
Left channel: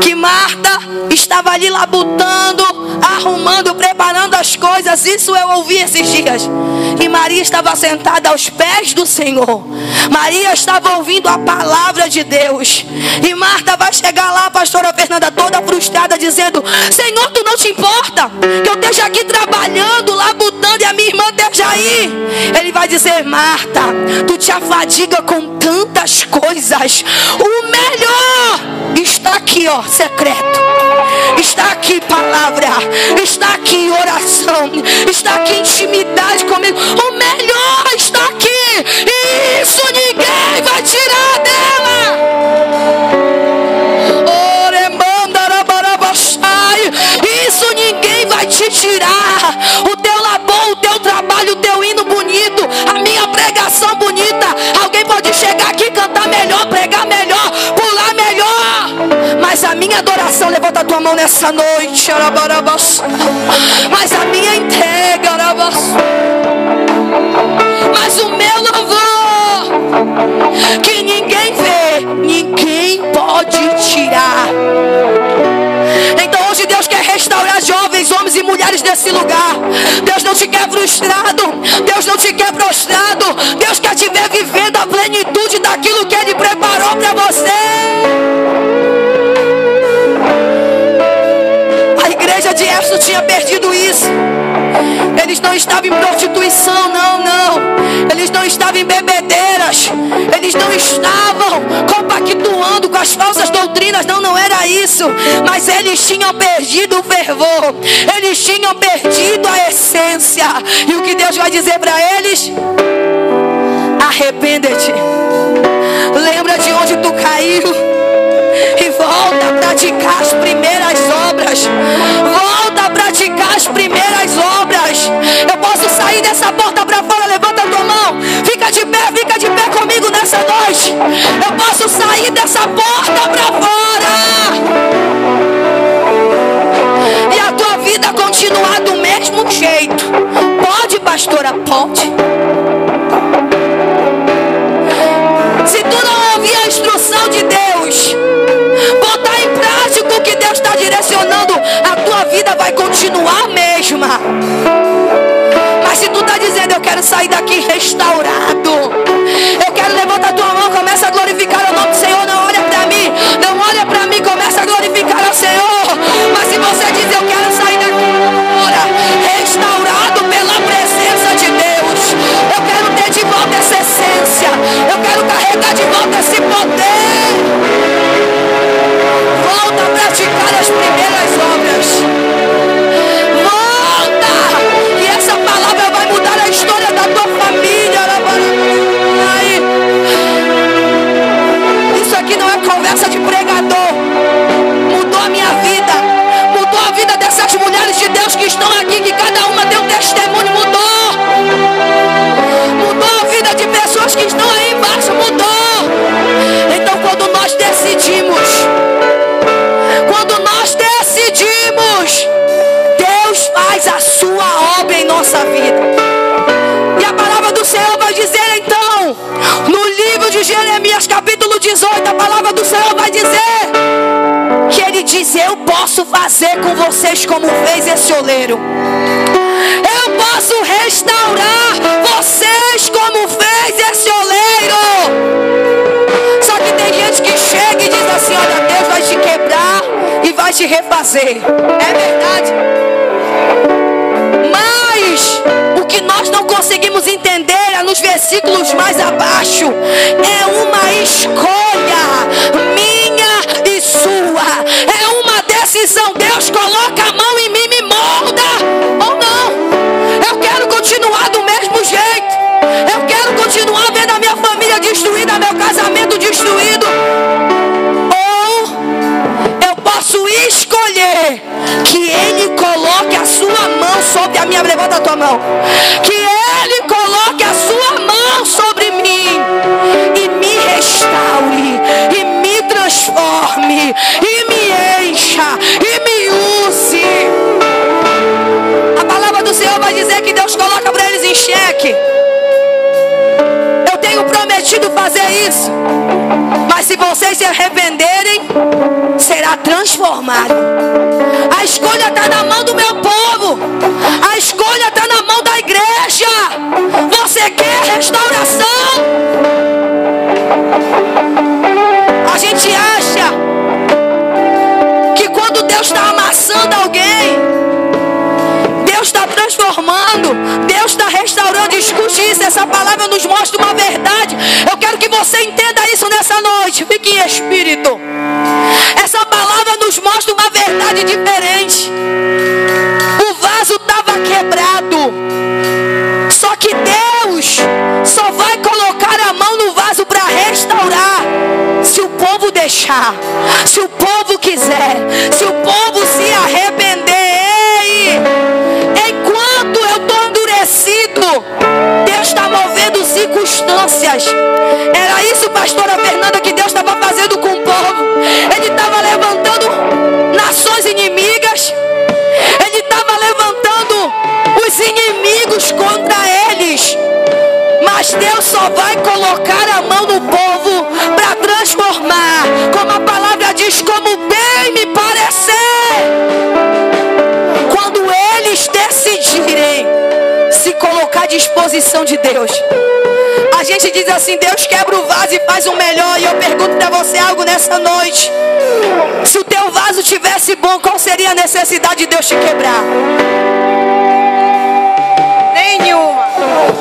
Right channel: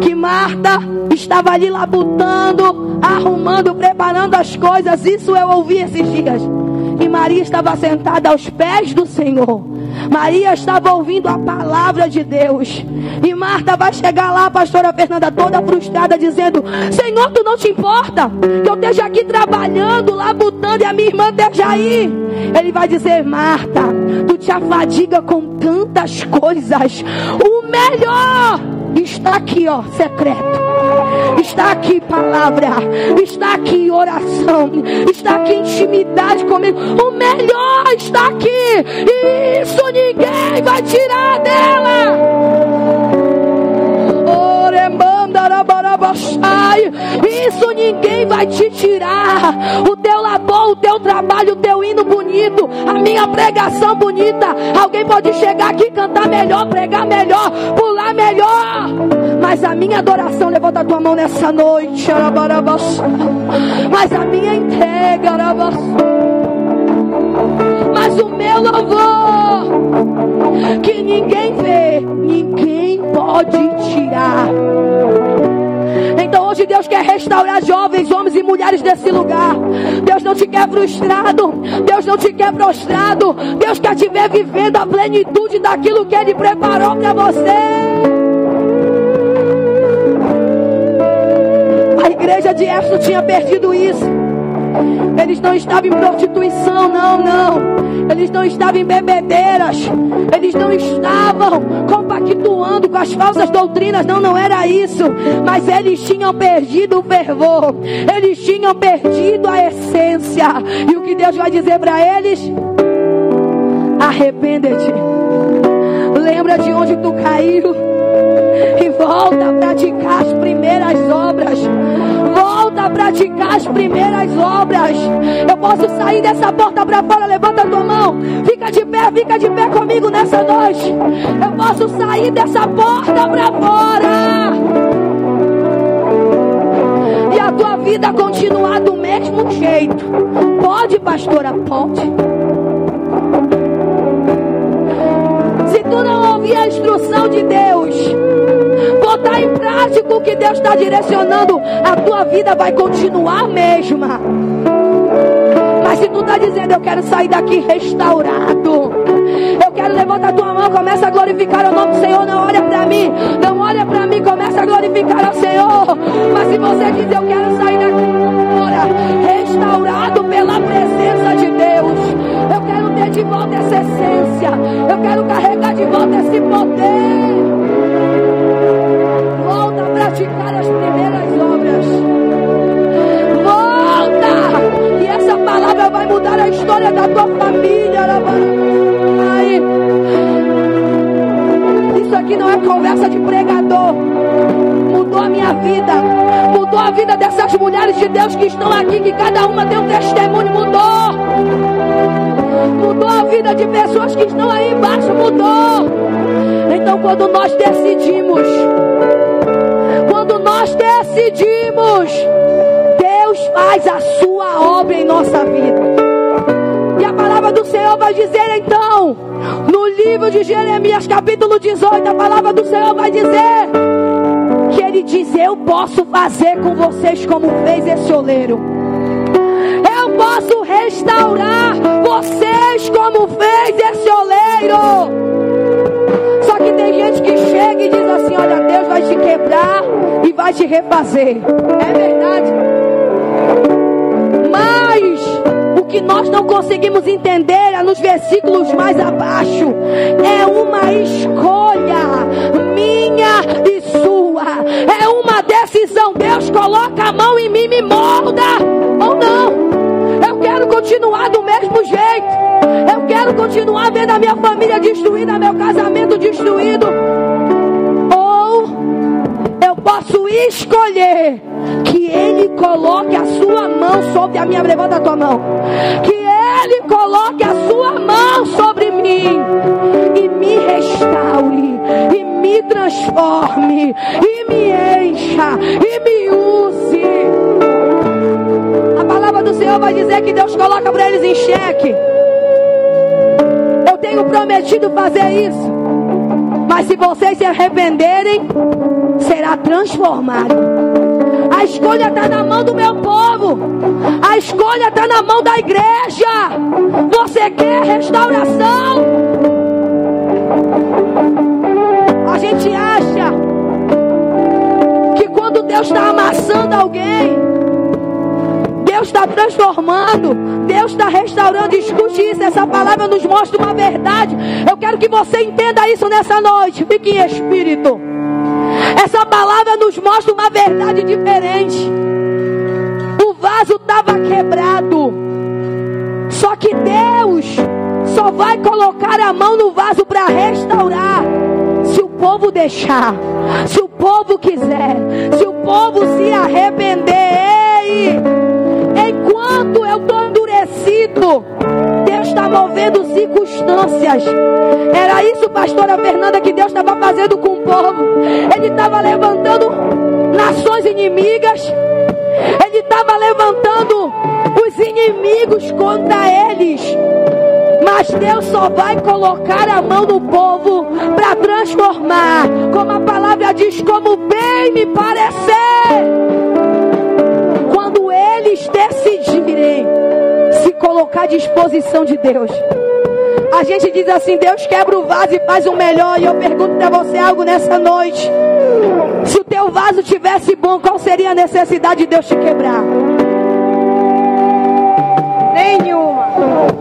que Marta estava ali labutando, arrumando, preparando as coisas. Isso eu ouvi esses dias. E Maria estava sentada aos pés do Senhor. Maria estava ouvindo a palavra de Deus. E Marta vai chegar lá, a pastora Fernanda, toda frustrada, dizendo: Senhor, tu não te importa que eu esteja aqui trabalhando, labutando, e a minha irmã esteja aí? Ele vai dizer: Marta, tu te afadiga com tantas coisas. O melhor está aqui, ó, secreto. Está aqui palavra, está aqui oração, está aqui intimidade comigo. O melhor está aqui, e isso ninguém vai tirar dela. Isso ninguém vai te tirar. O teu labor, o teu trabalho, o teu hino bonito, a minha pregação bonita. Alguém pode chegar aqui, cantar melhor, pregar melhor, pular melhor, mas a minha adoração, levanta a tua mão nessa noite, mas a minha entrega, mas o meu louvor, que ninguém vê, ninguém pode tirar. Então hoje Deus quer restaurar jovens, homens e mulheres desse lugar. Deus não te quer frustrado, Deus não te quer prostrado. Deus quer te ver vivendo a plenitude daquilo que Ele preparou para você. A igreja de Éfeso tinha perdido isso. Eles não estavam em prostituição, não. Eles não estavam em bebedeiras. Eles não estavam compactuando com as falsas doutrinas. Não era isso. Mas eles tinham perdido o fervor. Eles tinham perdido a essência. E o que Deus vai dizer para eles? Arrepende-te. Lembra de onde tu caiu e volta a praticar as primeiras obras. Volta a praticar as primeiras obras. Eu posso sair dessa porta para fora? Levanta a tua mão. Fica de pé comigo nessa noite. Eu posso sair dessa porta para fora e a tua vida continuar do mesmo jeito. Pode, pastora? Pode. Se tu não ouvir a instrução de Deus, botar em prática o que Deus está direcionando, a tua vida vai continuar a mesma. Mas se tu está dizendo: eu quero sair daqui restaurado, eu quero, levantar a tua mão, começa a glorificar o nome do Senhor. Não olha para mim, não olha para mim, começa a glorificar o Senhor. Mas se você diz: eu quero sair daqui agora restaurado pela presença de Deus, eu quero ter de volta essa essência, eu quero carregar de volta esse poder, volta a praticar as primeiras obras. Volta, e essa palavra vai mudar a história da tua família. Isso aqui não é conversa de pregador. Mudou a minha vida, mudou a vida dessas mulheres de Deus que estão aqui, que cada uma deu testemunho. Mudou a vida de pessoas que estão aí embaixo. Mudou. Então quando nós decidimos, Deus faz a sua obra em nossa vida. E a palavra do Senhor vai dizer então, no livro de Jeremias capítulo 18, a palavra do Senhor vai dizer que Ele diz: eu posso fazer com vocês como fez esse oleiro. Eu posso restaurar vocês como fez esse oleiro. Só que tem gente que chega e diz assim: olha, Deus vai te quebrar e vai te refazer. É verdade. Mas o que nós não conseguimos entender é nos versículos mais abaixo. É uma escolha minha e sua. É uma decisão mão. Que Ele coloque a sua mão sobre mim e me restaure, e me transforme, e me encha, e me use. A palavra do Senhor vai dizer que Deus coloca para eles em xeque. Eu tenho prometido fazer isso, mas se vocês se arrependerem, será transformado. A escolha está na mão do meu povo. A escolha está na mão da igreja. Você quer restauração? A gente acha que quando Deus está amassando alguém, Deus está transformando, Deus está restaurando. Escute isso, essa palavra nos mostra uma verdade. Eu quero que você entenda isso nessa noite. Fique em espírito. Essa palavra nos mostra uma verdade diferente. O vaso estava quebrado, só que Deus só vai colocar a mão no vaso para restaurar se o povo deixar, se o povo quiser, se o povo se arrepender. Enquanto eu estou endurecido, Deus está movendo circunstâncias. Era isso, pastora Fernanda, que Deus estava fazendo com o povo. Ele estava levantando nações inimigas. Ele estava levantando os inimigos contra eles. Mas Deus só vai colocar a mão no povo para transformar, como a palavra diz, como bem me parecer. Quando eles decidirem se colocar à disposição de Deus. A gente diz assim: Deus quebra o vaso e faz um melhor. E eu pergunto para você algo nessa noite: se o teu vaso tivesse bom, qual seria a necessidade de Deus te quebrar? Nenhuma.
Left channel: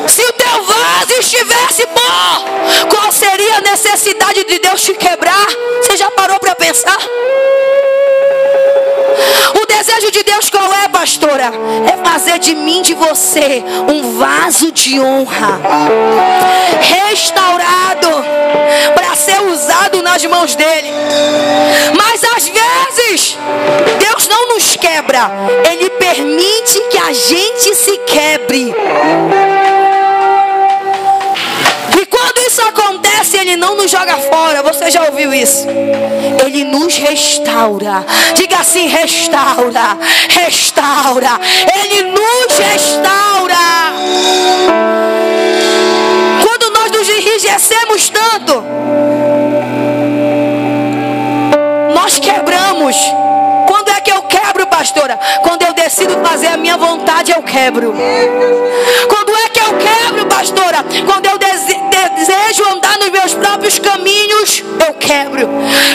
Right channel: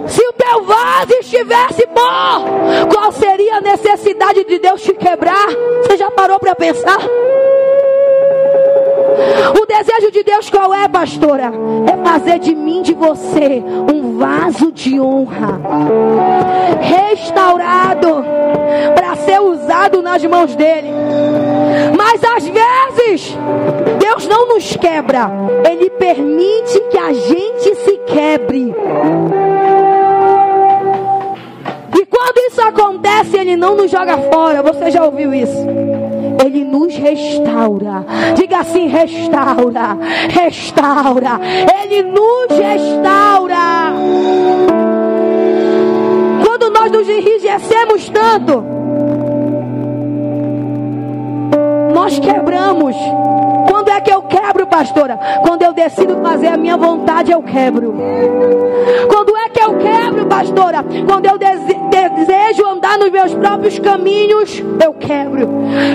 Se o teu vaso estivesse bom, qual seria a necessidade de Deus te quebrar? Você já parou para pensar? O desejo de Deus qual é, pastora? É fazer de mim, de você, um vaso de honra, restaurado, para ser usado nas mãos dele. Mas às vezes Deus não nos quebra, Ele permite que a gente se quebre. E quando isso acontece, Ele não nos joga fora. Você já ouviu isso? Ele nos restaura. Diga assim: restaura, restaura. Ele nos restaura. Quando nós nos enrijecemos tanto, nós quebramos. Quando é que eu quebro, pastora? Quando eu decido fazer a minha vontade, eu quebro. Quando é que eu quebro, pastora? Quando eu desejo andar nos meus próprios caminhos, eu quebro.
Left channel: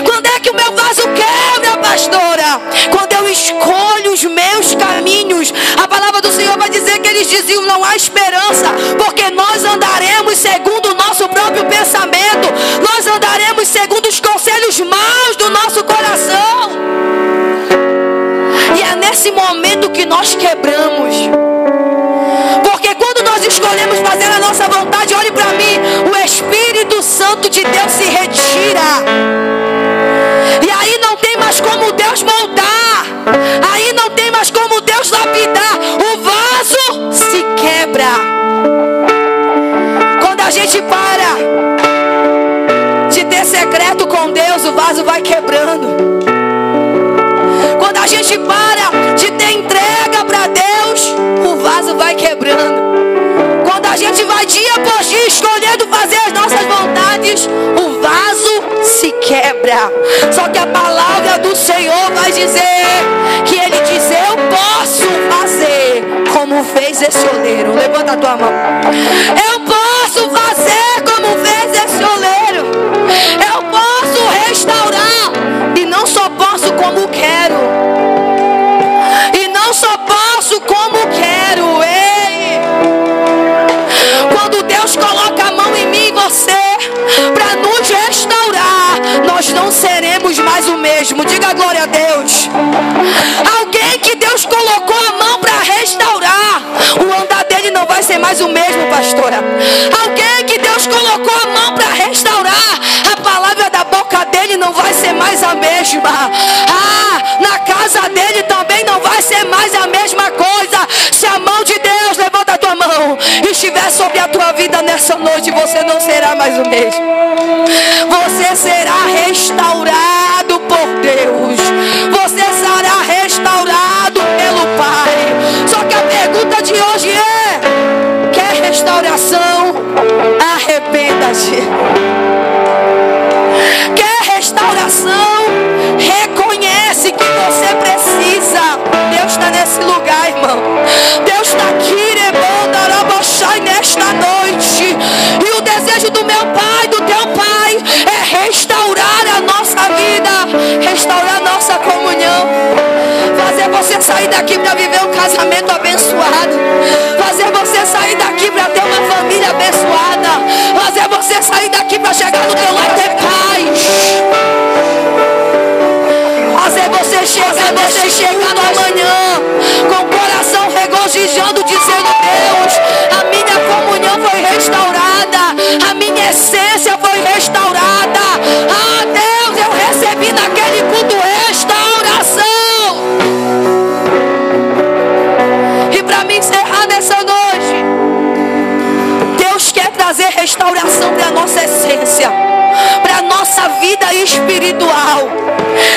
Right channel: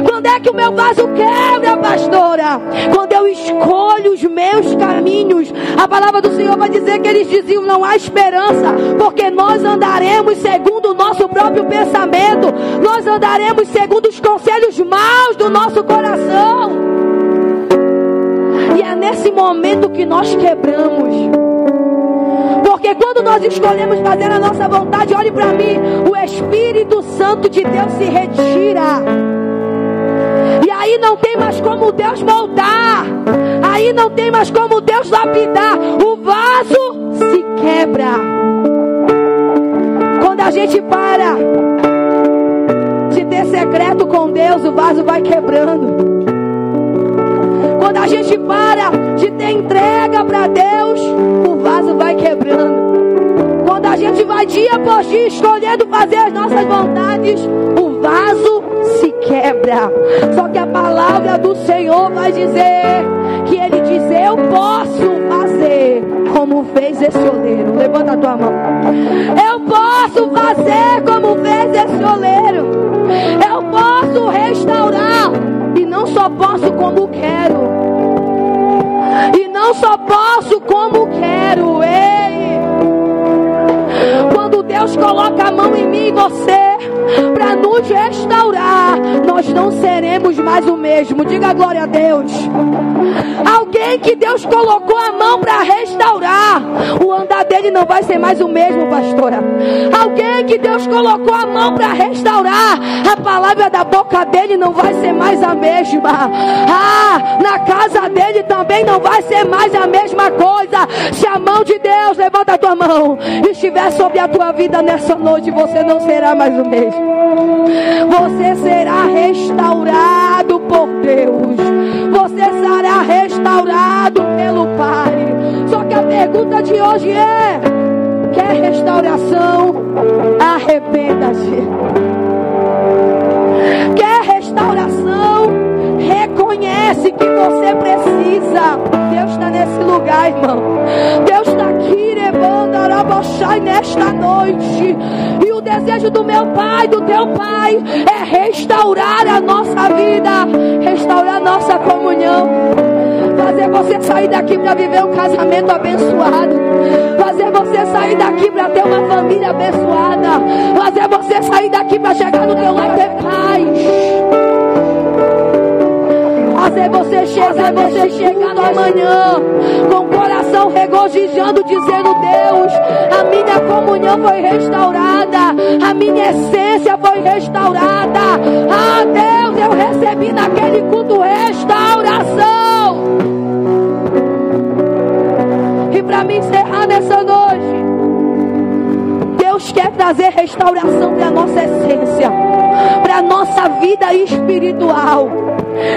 Quando é que o meu vaso quebra, pastora? Quando eu escolho os meus caminhos. A palavra do Senhor vai dizer que eles diziam: não há esperança, porque nós andaremos segundo o nosso próprio pensamento. Nós andaremos segundo os conselhos maus do nosso coração. E é nesse momento que nós quebramos. Porque quando nós escolhemos fazer a nossa vontade, olhe para mim, o Espírito Santo de Deus se retira. E aí não tem mais como Deus moldar. Aí não tem mais como Deus lapidar. O vaso se quebra. Quando a gente para de ter secreto com Deus, o vaso vai quebrando. Quando a gente para de ter entrega para Deus, o vaso vai quebrando. Quando a gente vai dia após dia escolhendo fazer as nossas vontades, o vaso se quebra. Só que a palavra do Senhor vai dizer que Ele diz: eu posso fazer como fez esse oleiro. Levanta a tua mão. Eu posso fazer como fez esse oleiro. Eu posso restaurar. E não só posso como quero. E não só posso como quero. Ei! Quando Deus coloca a mão em mim e você para nos restaurar, nós não seremos mais o mesmo. Diga glória a Deus. Alguém que Deus colocou a mão para restaurar, o andar dele não vai ser mais o mesmo, pastora. Alguém que Deus colocou a mão para restaurar, a palavra da boca dele não vai ser mais a mesma. Na casa dele também não vai ser mais a mesma coisa. Se a mão de Deus levanta estiver sobre a tua vida nessa noite, você não será mais o mesmo. Você será restaurado por Deus. Você será restaurado pelo Pai. Só que a pergunta de hoje é: quer restauração? Arrependa-se. Quer restauração? Reconhece que você precisa. Deus está nesse lugar, irmão. Deus está aqui, nesta noite. E o desejo do meu Pai, do teu Pai, é restaurar a nossa vida, restaurar a nossa comunhão, fazer você sair daqui para viver um casamento abençoado, fazer você sair daqui para ter uma família abençoada, fazer você sair daqui para chegar no teu lar ter paz, fazer você chegar no amanhã com o coração regozijando, dizendo: Deus, a minha comunhão foi restaurada, a minha essência foi restaurada. Ah, Deus, eu recebi naquele culto restauração. E para me encerrar nessa noite, Deus quer trazer restauração para a nossa essência, para a nossa vida espiritual.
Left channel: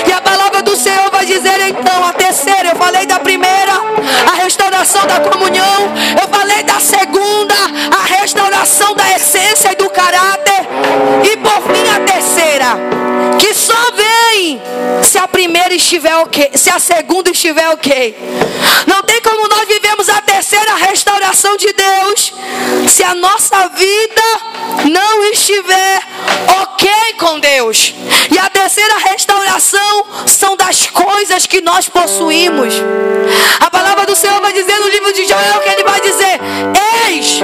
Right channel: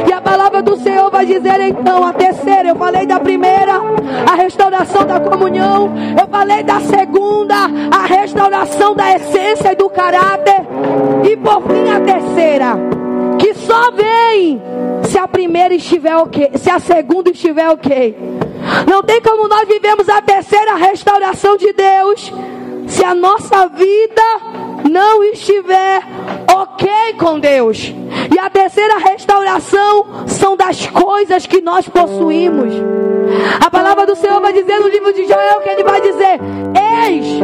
E a palavra do Senhor vai dizer então a terceira. Eu falei da primeira, a restauração da comunhão. Eu falei da segunda, a restauração da essência e do caráter. E por fim a terceira, que só vem se a primeira estiver ok, se a segunda estiver ok. Não tem como nós vivemos a terceira restauração de Deus se a nossa vida não estiver ok com Deus. E a terceira restauração são das coisas que nós possuímos. A palavra do Senhor vai dizer no livro de Joel que ele vai dizer: eis,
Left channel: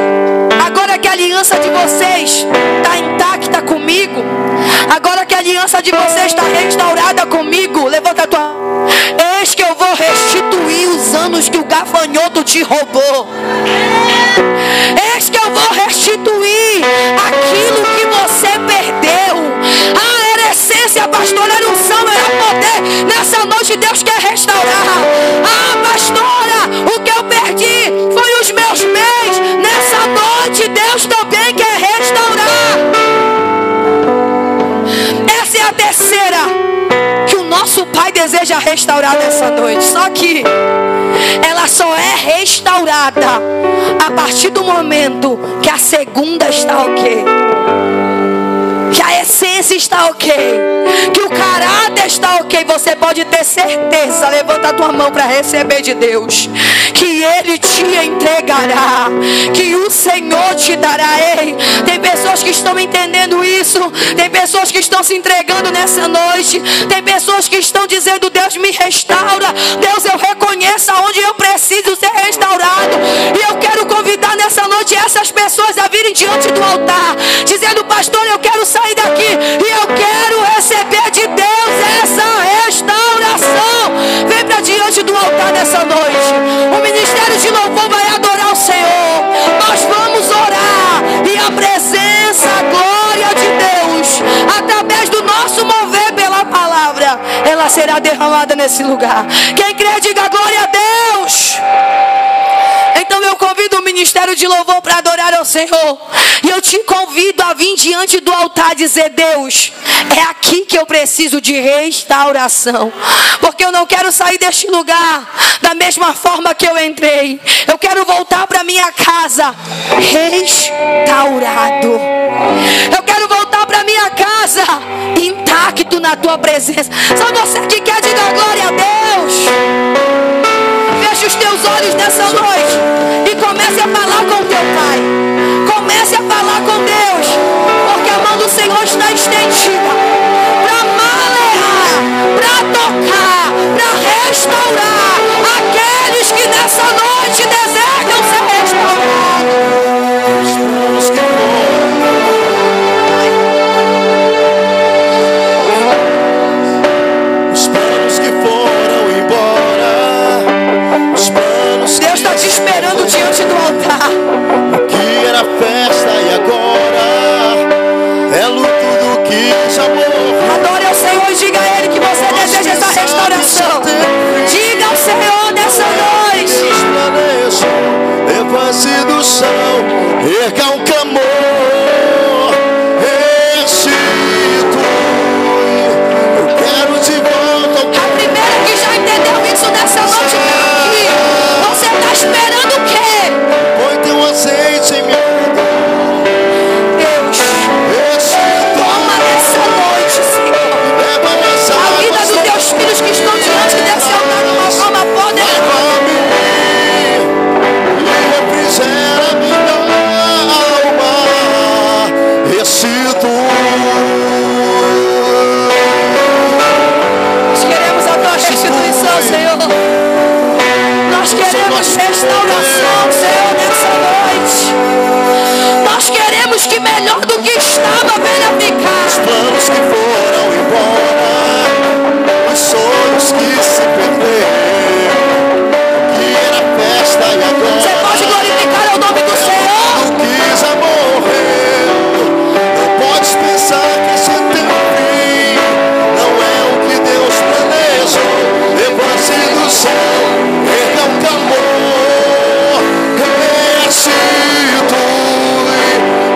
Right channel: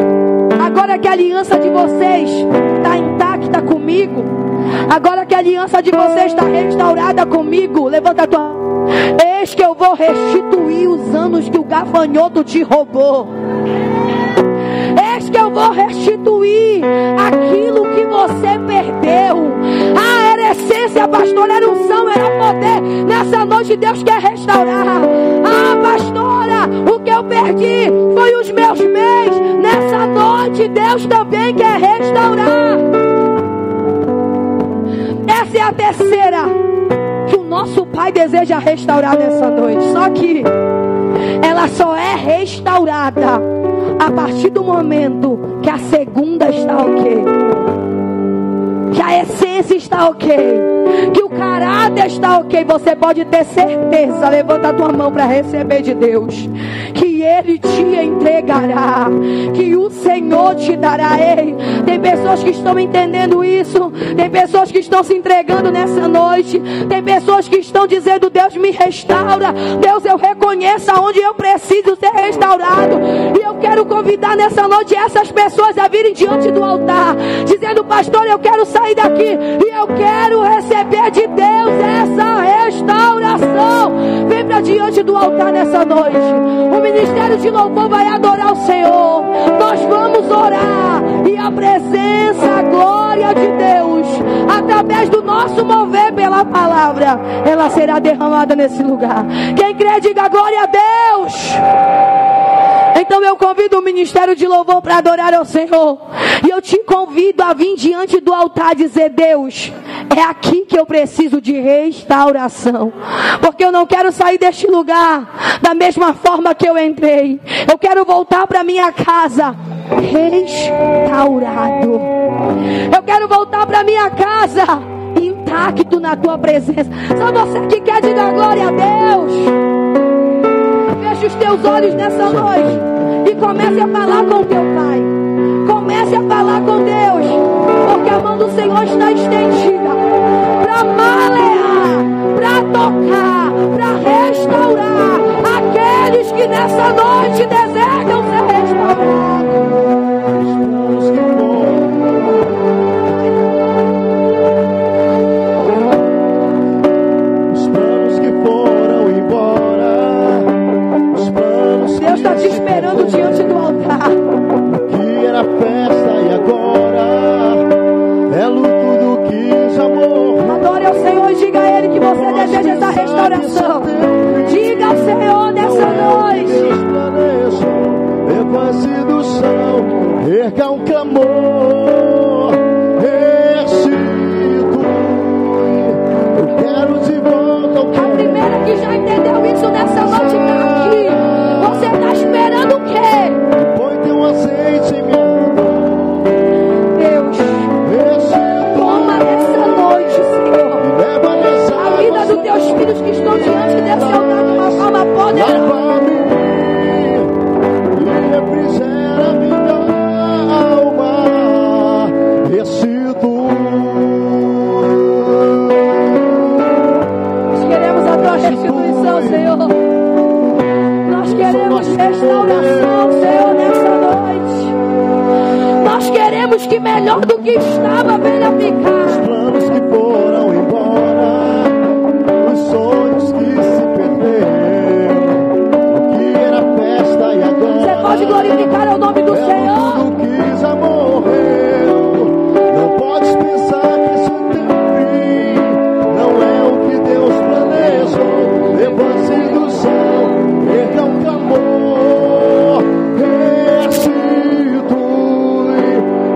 agora que a aliança de vocês está intacta comigo, agora que a aliança de vocês está restaurada comigo, levanta a tua. Eis que eu vou restituir os anos que o gafanhoto te roubou. Eis que eu vou restituir aquilo que você perdeu. Ah, era essência, pastora, era unção, era poder. Nessa noite Deus quer restaurar. Ah, pastora, o que eu perdi foi os meus bens. Nessa noite Deus também quer restaurar. Essa é a terceira que o nosso Pai deseja restaurar nessa noite. Só que ela só é restaurada a partir do momento que a segunda está ok, que a essência está ok, que o caráter está ok. Você pode ter certeza, levanta a tua mão para receber de Deus, que Ele te entregará, que o Senhor te dará. Ei, tem pessoas que estão entendendo isso, tem pessoas que estão se entregando nessa noite, tem pessoas que estão dizendo: Deus, me restaura, Deus, eu reconheço aonde eu preciso ser restaurado. E eu quero convidar nessa noite essas pessoas a virem diante do altar, dizendo: pastor, eu quero sair daqui e eu quero receber de Deus essa restauração. Vem para diante do altar nessa noite. O ministério de louvor vai adorar o Senhor. Nós vamos orar e a presença, a glória de Deus, através do nosso mover pela palavra, ela será derramada nesse lugar. Quem crê, diga glória a Deus. Então eu convido o ministério de louvor para adorar ao Senhor. E eu te convido a vir diante do altar e dizer: Deus, é aqui que eu preciso de restauração. Porque eu não quero sair deste lugar da mesma forma que eu entrei. Eu quero voltar para minha casa restaurado. Eu quero voltar para minha casa intacto na tua presença. Só você que quer, diga glória a Deus. Feche os teus olhos nessa noite e comece a falar com o teu Pai. Comece a falar com Deus, porque a mão do Senhor está estendida para malear, para tocar, para restaurar aqueles que nessa noite desejam ser restaurados. Os planos que foram embora, os planos. Deus está te esperando diante do altar. melhor do que estava, venha ficar. Os planos que foram embora, os sonhos que se perderam, que era festa e agora Você pode glorificar o nome do Senhor. tudo que já morreu. Não podes pensar que isso tem um fim. Não é o que Deus planejou. Levante do céu, erga o tambor, restitui.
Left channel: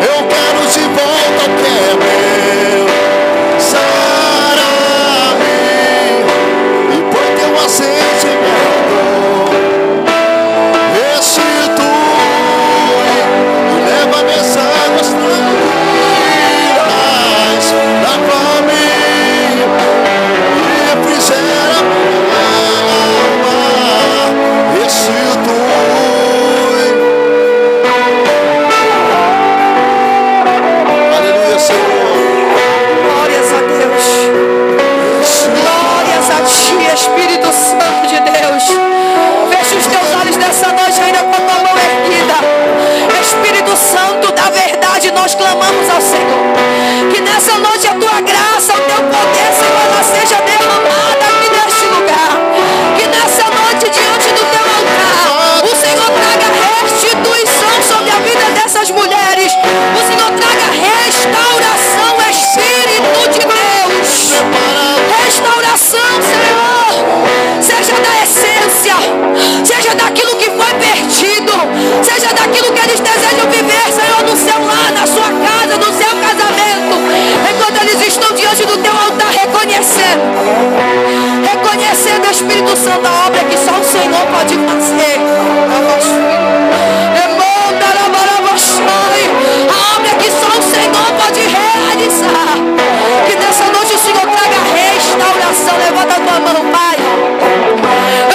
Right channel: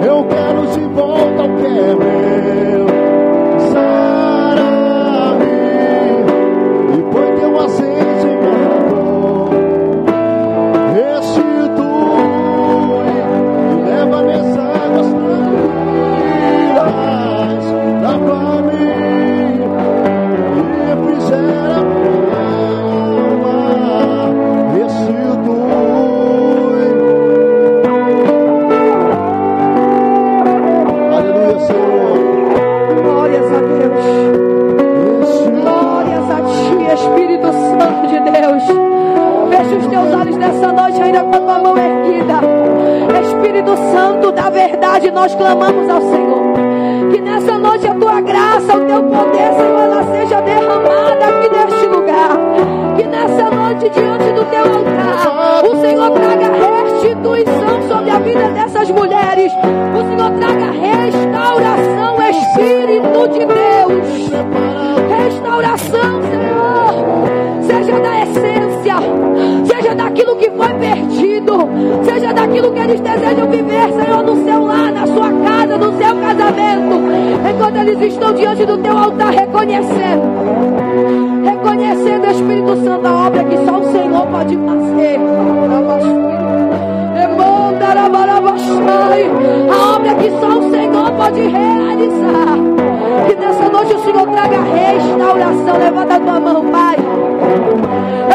Eu quero de volta o que é meu. Sara-me e põe teu azeite em meu amor. Restitui e leva minhas águas tranquilas. Lava-me e refrigera minha alma. Restitui. Aleluia, Senhor. Glórias a Deus. Glórias a Ti, Espírito Santo de Deus. Feche os teus olhos nessa noite ainda com a mão erguida. Espírito Santo da verdade, nós clamamos ao Senhor. Que nessa noite a Tua graça, o Teu poder, Senhor, ela seja derramada aqui neste lugar. Que nessa noite diante do Teu altar, o Senhor traga restituição sobre a vida dessas mulheres. O Senhor traga restauração, Espírito de Deus. Restauração, Senhor, seja da essência, seja daquilo que foi perdido, seja daquilo que eles desejam viver, Senhor, no seu lar, na sua casa, no seu casamento, enquanto eles estão diante do Teu altar reconhecendo, Espírito Santo, a obra que só o Senhor pode fazer. A obra que só o Senhor pode realizar. Que nessa noite o Senhor traga restauração. Levanta a tua mão, Pai.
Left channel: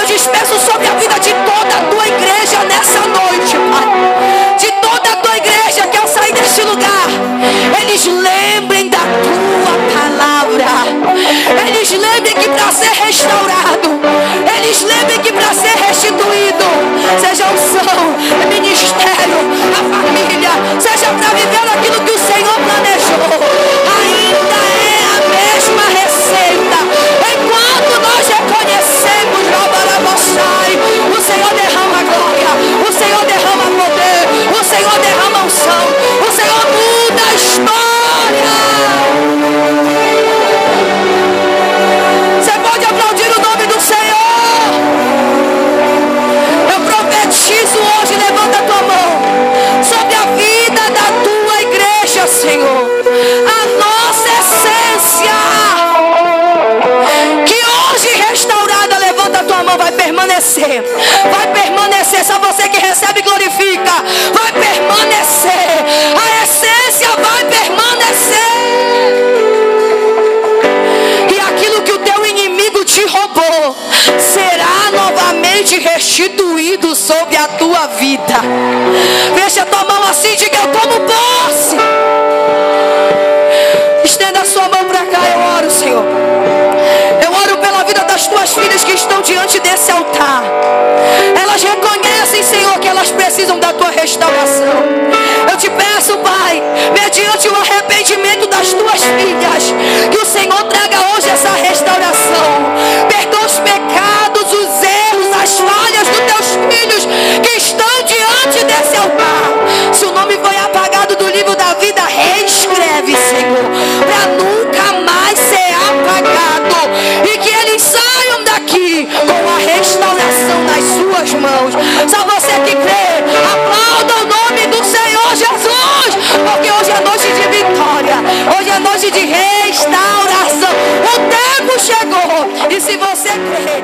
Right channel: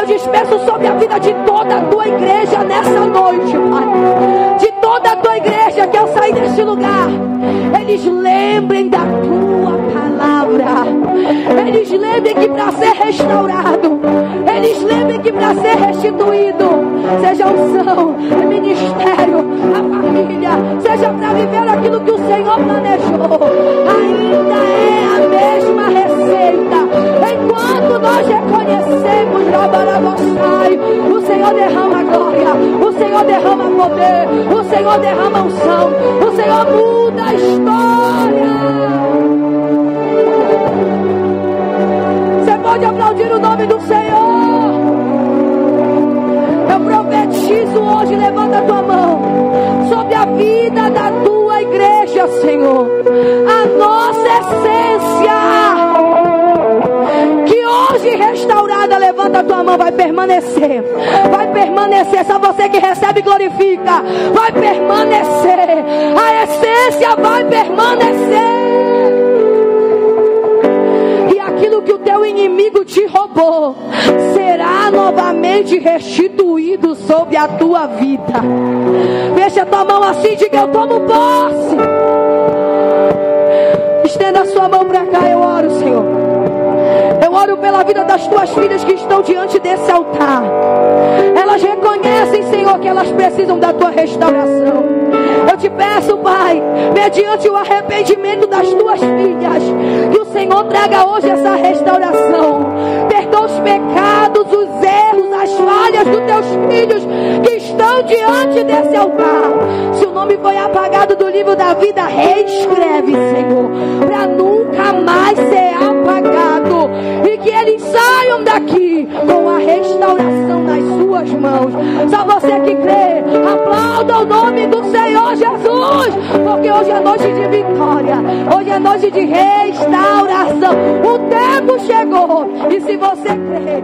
Eu disperso sobre a vida de toda a Tua igreja nessa noite, Pai. De toda a Tua igreja que ao sair deste lugar, eles lembrem da Tua palavra. Eles lembrem que para ser restaurado, eles lembrem que para ser restituído, seja unção, ministério, a família, seja para viver aquilo que o Senhor planejou, ainda é a mesma receita. Enquanto nós reconhecemos, o Senhor derrama glória, o Senhor derrama poder, o Senhor derrama unção, o Senhor muda a história. Você pode aplaudir o nome do Senhor. Eu profetizo hoje, levanta a tua mão, sobre a vida da Tua igreja, Senhor. A nossa essência, que hoje restaurada, levanta a tua mão, vai permanecer. Vai permanecer. Só você que recebe e glorifica. Vai permanecer. A essência vai permanecer. E aquilo que o teu inimigo te roubou será novamente restituído sobre a tua vida. Fecha a tua mão assim, diga: eu tomo posse. Estenda a sua mão para cá. Eu oro, Senhor. Eu oro pela vida das Tuas filhas que estão diante desse altar. Elas reconhecem, Senhor, que elas precisam da Tua restauração. Eu te peço, Pai, mediante o arrependimento das Tuas filhas, que o Senhor traga hoje essa restauração. Perdoa os pecados, os erros, as falhas dos Teus filhos que estão diante desse altar. Se o nome foi apagado do livro da vida, reescreve, Senhor, para nunca mais ser apagado. E que eles saiam daqui com a restauração nas Suas mãos. Só você que crê, aplauda o nome do Senhor Jesus, porque hoje é noite de vitória, hoje é noite de restauração. O tempo chegou, e se você crê,